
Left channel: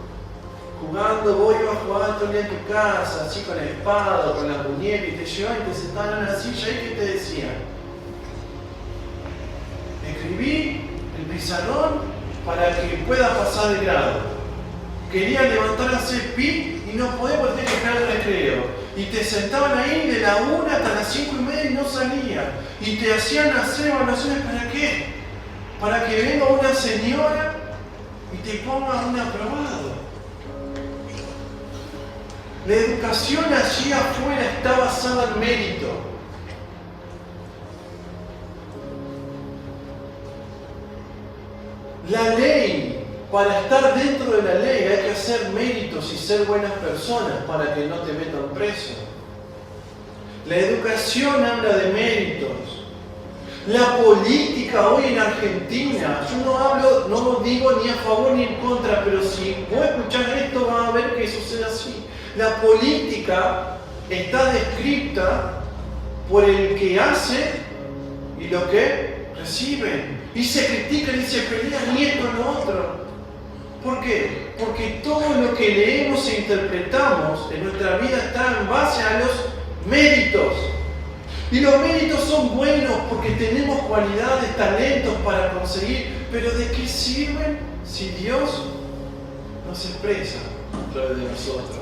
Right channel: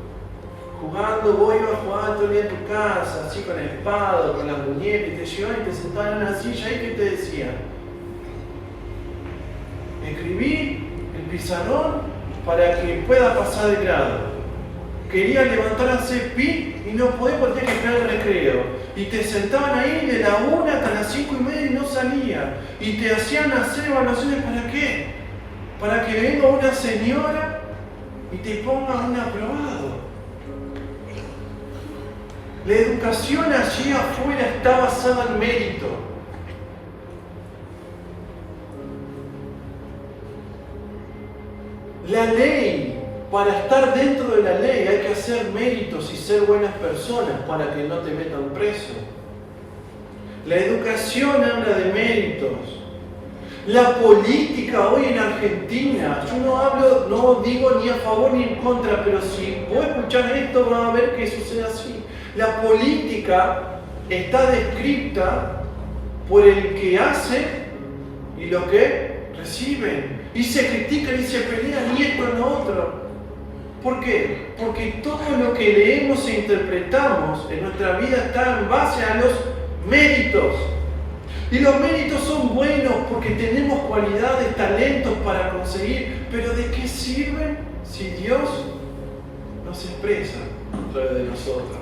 vos ibas jugando todo el día en tu casa, así con el espada, con las muñecas, y te llevaban y te sentaban en una silla, y ¿qué te decían? Escribí el pizarrón para que puedas pasar de grado. Querían levantar a hacer pi y no podían porque tenías que esperar el recreo. Y te sentaban ahí de la 1 hasta las 5:30 y no salían. Y te hacían hacer evaluaciones. ¿Para qué? Para que venga una señora y te ponga un aprobado. La educación allí afuera está basada en mérito. La ley, para estar dentro de la ley hay que hacer méritos y ser buenas personas para que no te metan preso. La educación habla de méritos. La política hoy en Argentina, yo no digo ni a favor ni en contra, pero si vos escuchás esto vas a ver que sucede así. La política está descrita por el que hace y lo que recibe. Y se critican y se pelean y esto y lo otro. ¿Por qué? Porque todo lo que leemos e interpretamos en nuestra vida está en base a los méritos. Y los méritos son buenos porque tenemos cualidades, talentos para conseguir. Pero ¿de qué sirven si Dios no se expresa a través de nosotros?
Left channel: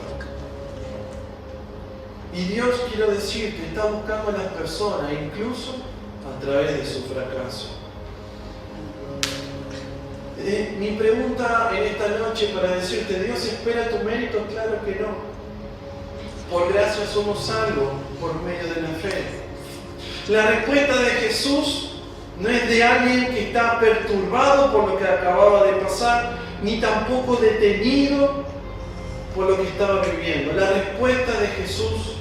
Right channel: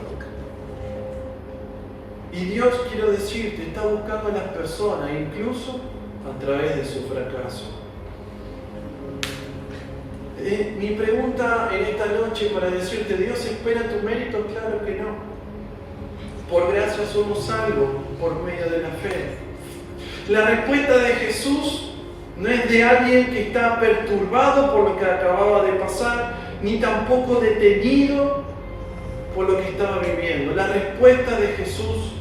Y Dios, quiero decirte, está buscando a las personas, incluso a través de su fracaso. Mi pregunta en esta noche para decirte, ¿Dios espera tu mérito? Claro que no. Por gracia somos salvos por medio de la fe. La respuesta de Jesús no es de alguien que está perturbado por lo que acababa de pasar, ni tampoco detenido por lo que estaba viviendo. La respuesta de Jesús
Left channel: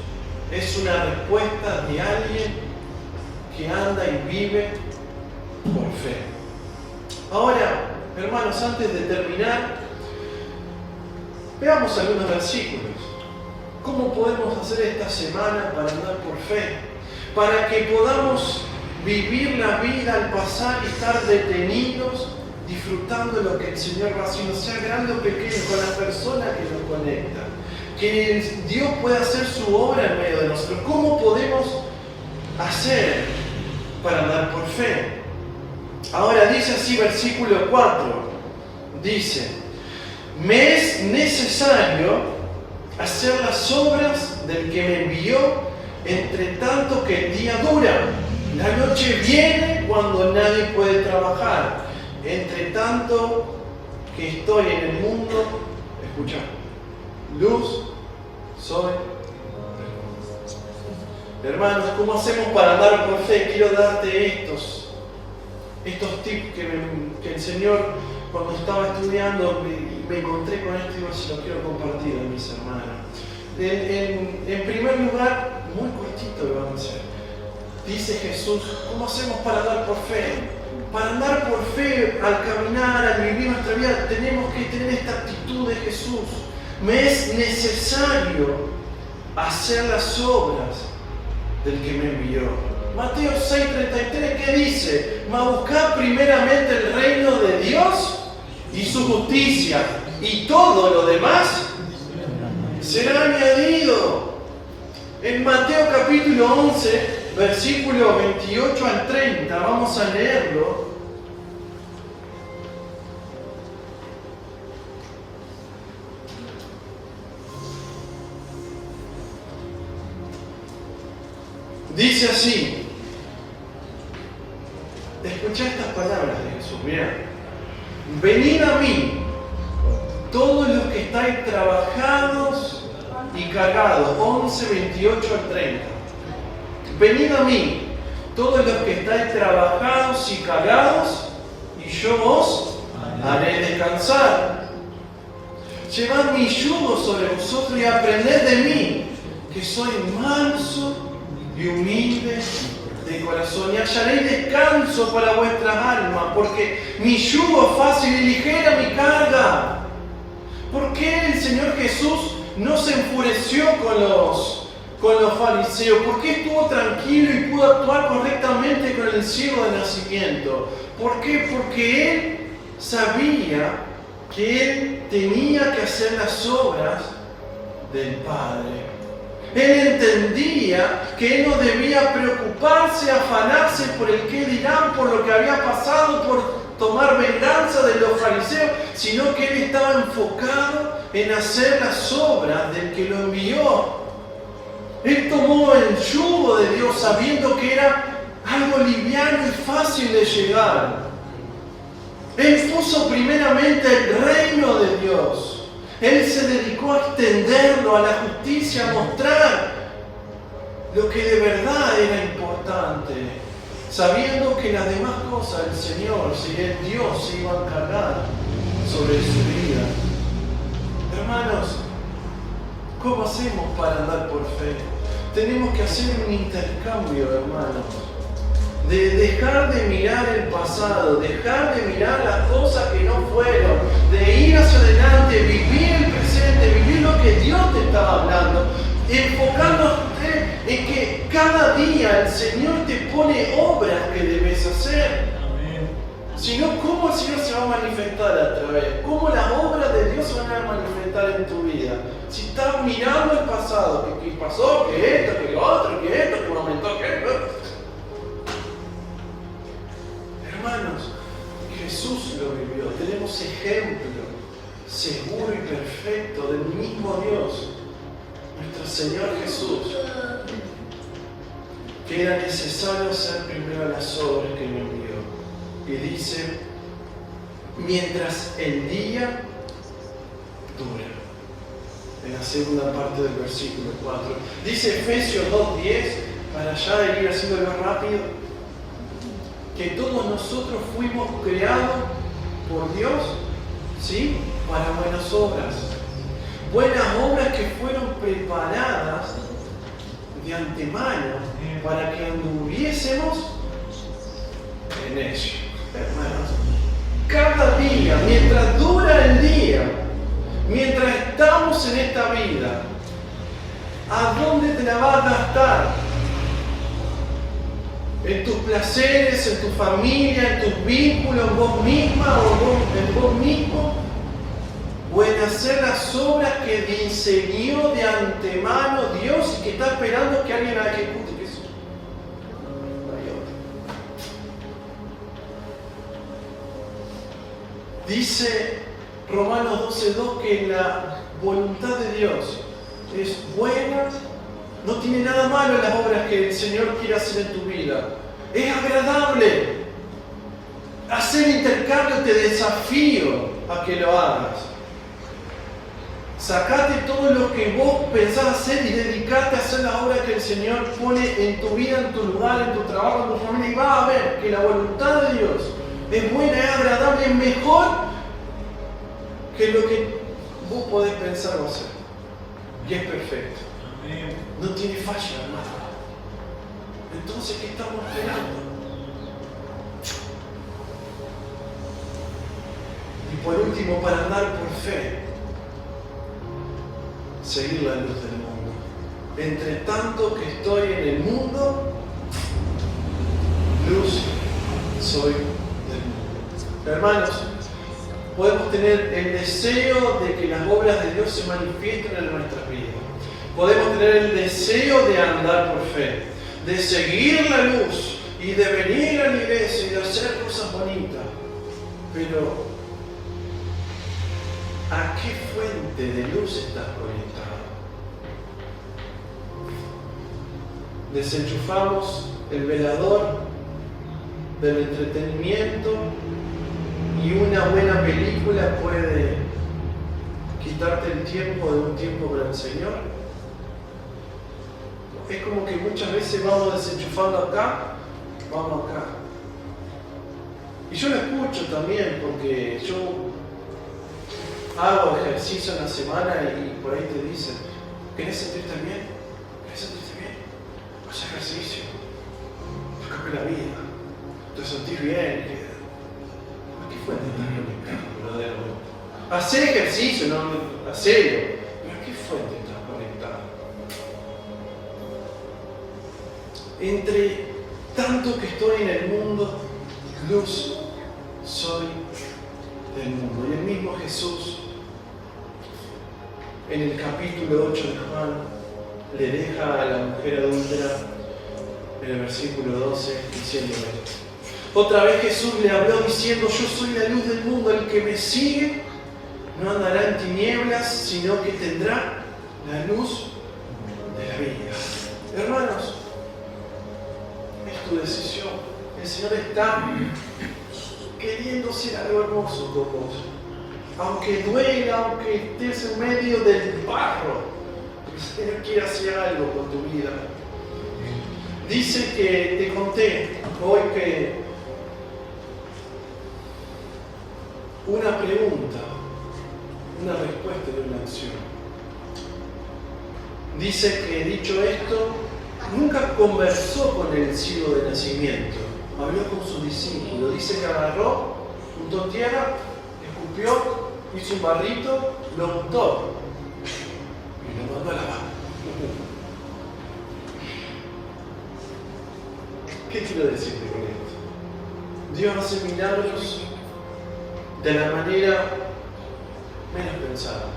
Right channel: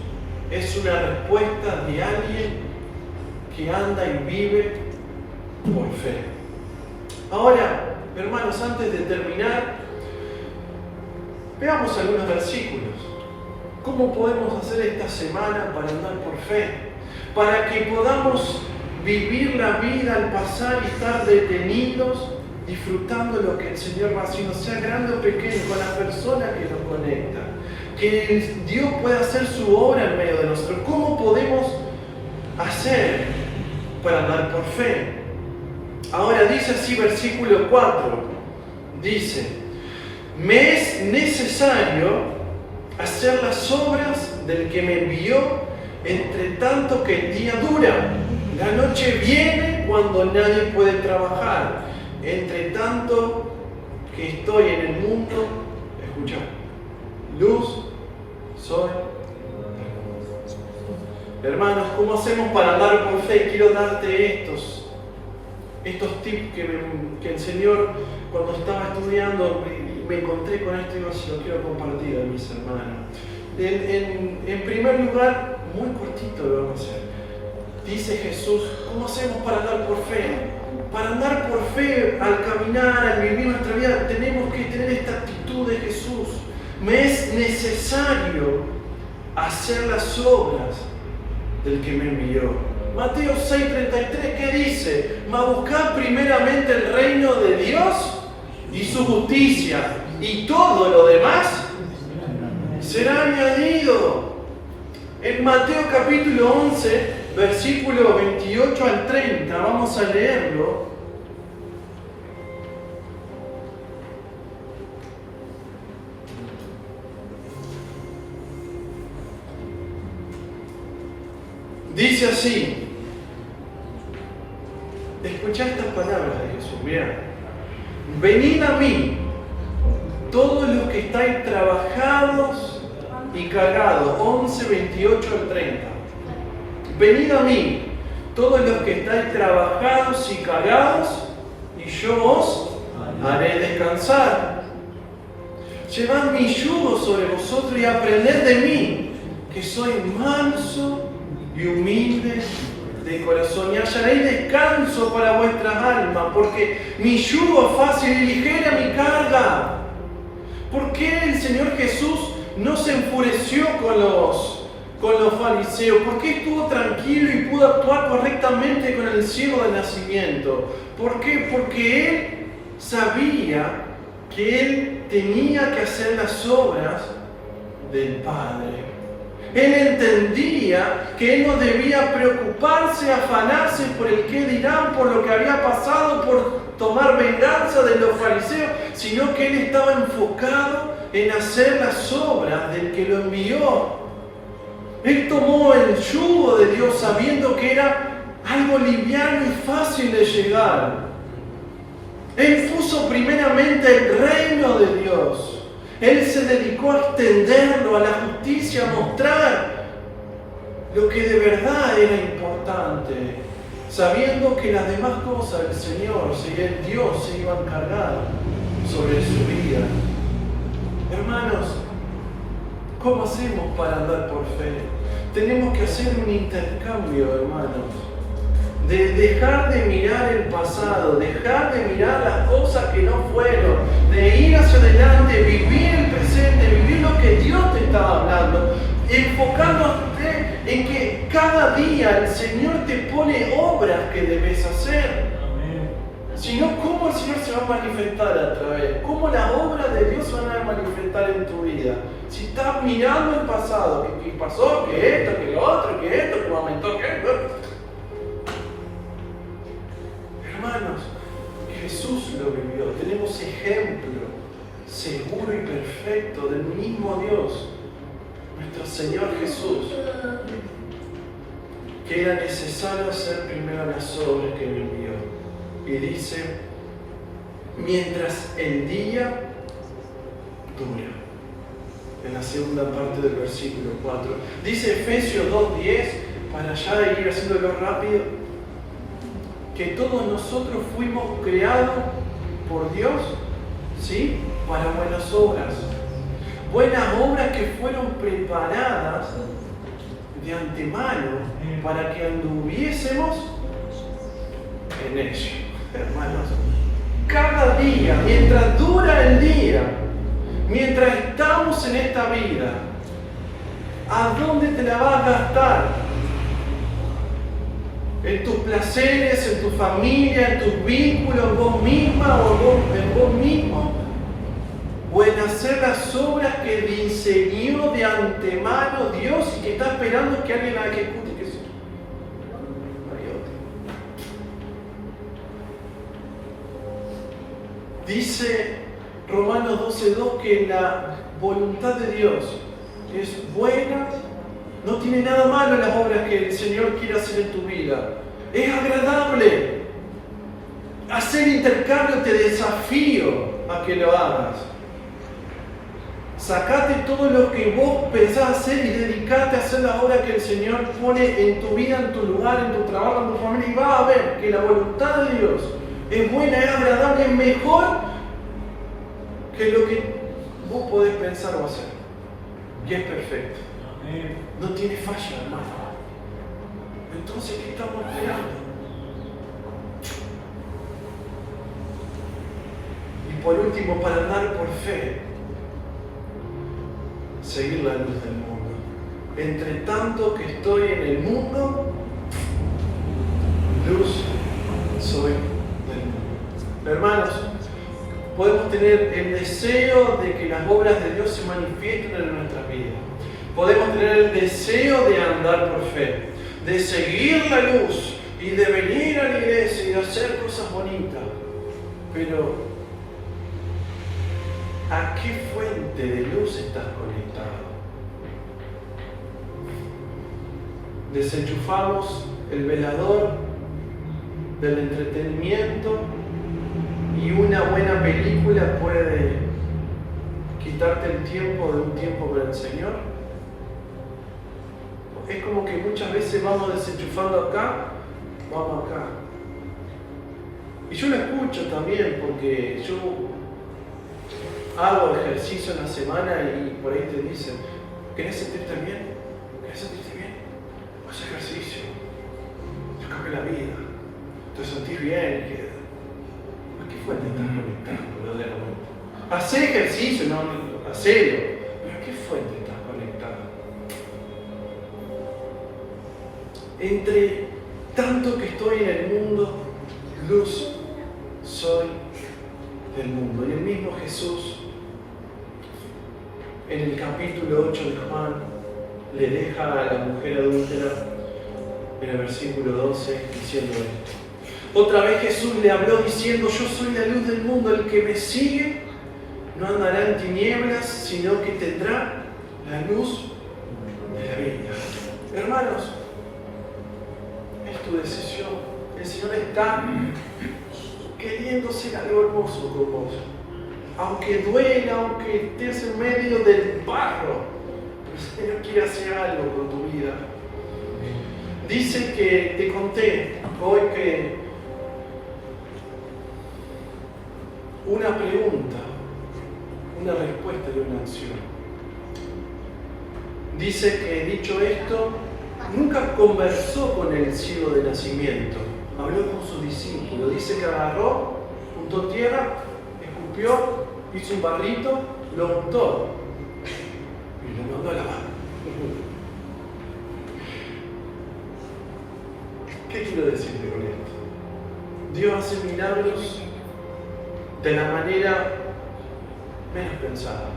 es una respuesta de alguien que anda y vive por fe. Ahora, hermanos, antes de terminar, veamos algunos versículos. ¿Cómo podemos hacer esta semana para andar por fe? Para que podamos vivir la vida al pasar y estar detenidos, disfrutando lo que el Señor va haciendo, sea grande o pequeño, con las personas que nos conectan. Que Dios pueda hacer su obra en medio de nosotros. ¿Cómo podemos hacer para andar por fe? Ahora dice así versículo 4, dice, me es necesario hacer las obras del que me envió, entre tanto que el día dura. La noche viene cuando nadie puede trabajar. Entre tanto que estoy en el mundo, escucha, luz soy. Hermanos, ¿cómo hacemos para andar por fe? Quiero darte estos tips que el Señor, cuando estaba estudiando, me encontré con esto y digo, se lo quiero compartir a mis hermanos. En primer lugar, muy cortito lo vamos a hacer. Dice Jesús, ¿cómo hacemos para andar por fe? Para andar por fe, al caminar, al vivir nuestra vida, tenemos que tener esta actitud de Jesús. Me es necesario hacer las obras del que me envió. Mateo 6:33, ¿qué dice? Mas buscad primeramente el reino de Dios y su justicia, y todo lo demás será añadido. En Mateo capítulo 11, versículo 28 al 30, vamos a leerlo. Dice así, escuchad estas palabras de Jesús, mirá, venid a mí, todos los que estáis trabajados y cargados, 11, 28 al 30. Venid a mí, todos los que estáis trabajados y cargados, y yo os haré descansar. Llevad mi yugo sobre vosotros y aprended de mí, que soy manso y humilde de corazón, y hallaréis descanso para vuestras almas, porque mi yugo es fácil y ligera mi carga. ¿Por qué el Señor Jesús no se enfureció con los fariseos? ¿Por qué estuvo tranquilo y pudo actuar correctamente con el ciego de nacimiento? ¿Por qué? Porque Él sabía que Él tenía que hacer las obras del Padre. Él entendía que Él no debía preocuparse, afanarse por el qué dirán, por lo que había pasado, por tomar venganza de los fariseos, sino que Él estaba enfocado en hacer las obras del que lo envió. Él tomó el yugo de Dios sabiendo que era algo liviano y fácil de llegar. Él puso primeramente el reino de Dios. Él se dedicó a extenderlo, a la justicia justicia, a mostrar lo que de verdad era importante, sabiendo que las demás cosas el Señor, si el Dios se iba a encargar sobre su vida. Hermanos, ¿cómo hacemos para andar por fe? Tenemos que hacer un intercambio, hermanos, de dejar de mirar el pasado, dejar de mirar las cosas que no fueron, de ir hacia adelante, vivir el presente, vivir lo que Dios te estaba hablando, enfocándote en que cada día el Señor te pone obras que debes hacer. Si no, ¿cómo el Señor se va a manifestar a través? ¿Cómo las obras de Dios se van a manifestar en tu vida? Si estás mirando el pasado, que pasó, que esto, que lo otro, que esto, que aumentó, que esto. Hermanos, Jesús lo vivió. Tenemos ejemplo seguro y perfecto del mismo Dios, nuestro Señor Jesús, que era necesario hacer primero las obras que le envió. Y dice, mientras el día dura. En la segunda parte del versículo 4. Dice Efesios 2:10, para ya ir haciéndolo rápido, que todos nosotros fuimos creados por Dios, ¿sí? Para buenas obras. Buenas obras que fueron preparadas de antemano para que anduviésemos en ello. Hermanos, cada día, mientras dura el día, mientras estamos en esta vida, ¿a dónde te la vas a gastar? ¿En tus placeres, en tu familia, en tus vínculos, en vos misma o en vos mismo? ¿O en hacer las obras que diseñó de antemano Dios y que está esperando que alguien la ejecute? Dice Romanos 12:2 que la voluntad de Dios es buena, no tiene nada malo en las obras que el Señor quiere hacer en tu vida. Es agradable. Hacer intercambio te desafío a que lo hagas. Sacate todo lo que vos pensás hacer y dedicate a hacer la obra que el Señor pone en tu vida, en tu lugar, en tu trabajo, en tu familia, y vas a ver que la voluntad de Dios es buena, es agradable, es mejor que lo que vos podés pensar o hacer. Y es perfecto. No tiene falla, hermano. Entonces, ¿qué estamos esperando? Y por último, para andar por fe, seguir la luz del mundo. Entre tanto que estoy en el mundo, luz soy del mundo. Hermanos, podemos tener el deseo de que las obras de Dios se manifiesten en nuestras vidas. Podemos tener el deseo de andar por fe, de seguir la luz y de venir a la iglesia y de hacer cosas bonitas. Pero, ¿a qué fuente de luz estás conectado? Desenchufamos el velador del entretenimiento y una buena película puede quitarte el tiempo de un tiempo con el Señor. Es como que muchas veces vamos desenchufando acá, vamos acá. Y yo lo escucho también porque yo hago ejercicio en la semana y por ahí te dicen, ¿querés sentirte bien? ¿Querés sentirte bien? Haz ejercicio. Te cambia la vida. Te sentís bien. ¿A qué fuente estás conectado verdaderamente? Haz ejercicio, no, hacelo. ¿Pero a qué fuente estás conectado? Entre tanto que estoy en el mundo, luz soy del mundo. Y el mismo Jesús, en el capítulo 8 de Juan, le deja a la mujer adúltera, en el versículo 12, diciendo esto. Otra vez Jesús le habló diciendo, yo soy la luz del mundo, el que me sigue no andará en tinieblas, sino que tendrá la luz de la vida. Hermanos, es tu decisión. El Señor está queriendo ser algo hermoso con vos. Aunque duela, aunque estés en medio del barro, el Señor quiere hacer algo con tu vida. Dice que te conté hoy que una pregunta, una respuesta de una acción. Dice que, dicho esto, nunca conversó con el ciego de nacimiento, habló con su discípulo. Dice que agarró, juntó tierra, escupió, hizo un barrito, lo untó y lo mandó a lavar. ¿Qué quiero decirte con esto? Dios hace milagros de la manera menos pensada.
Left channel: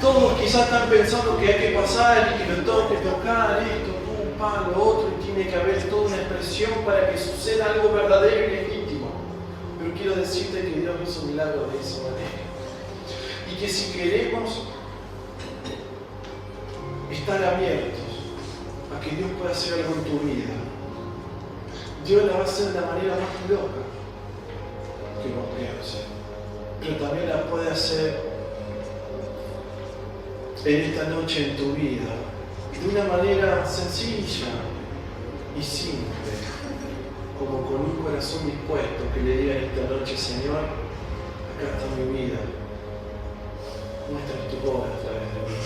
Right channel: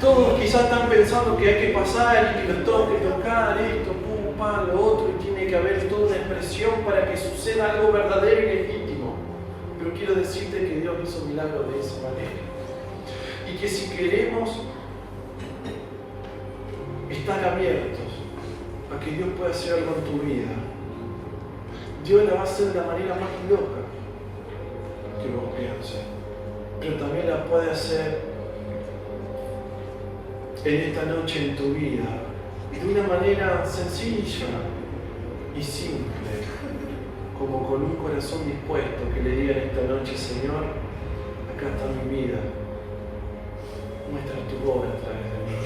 Todos quizás están pensando que hay que pasar y que lo tengo que tocar, esto, pum, pam, lo otro, y tiene que haber toda una expresión para que suceda algo verdadero y legítimo. Pero quiero decirte que Dios hizo milagros de esa manera. Y que si queremos estar abiertos a que Dios pueda hacer algo en tu vida, Dios la va a hacer de la manera más loca que vos pienses, pero también la puede hacer en esta noche en tu vida de una manera sencilla y simple, como con un corazón dispuesto que le diga esta noche: Señor, acá está mi vida, muestra tu obra a través de mí.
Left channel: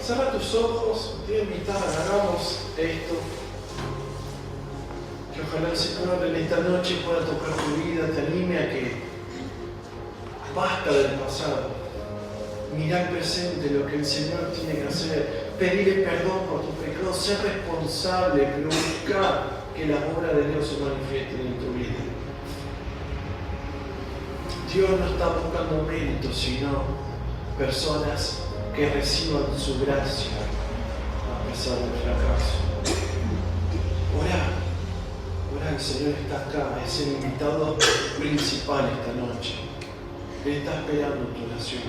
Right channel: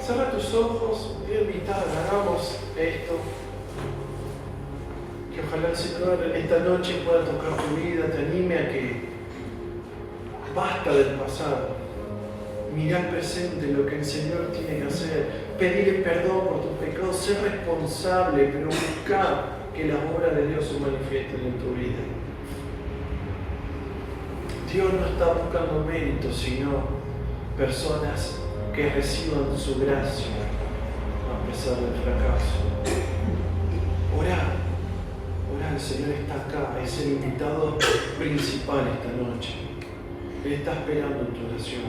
Cierra tus ojos, te voy a invitar, hagamos esto. Que ojalá el Señor en esta noche pueda tocar tu vida, te anime a que basta del pasado, mirá el presente, lo que el Señor tiene que hacer, pedirle perdón por tus pecados, ser responsable, pero buscar que las obras de Dios se manifiesten en tu vida. Dios no está buscando méritos, sino personas que reciban su gracia a pesar del fracaso. Orá. El Señor está acá, es el invitado principal esta noche. Él está esperando tu oración.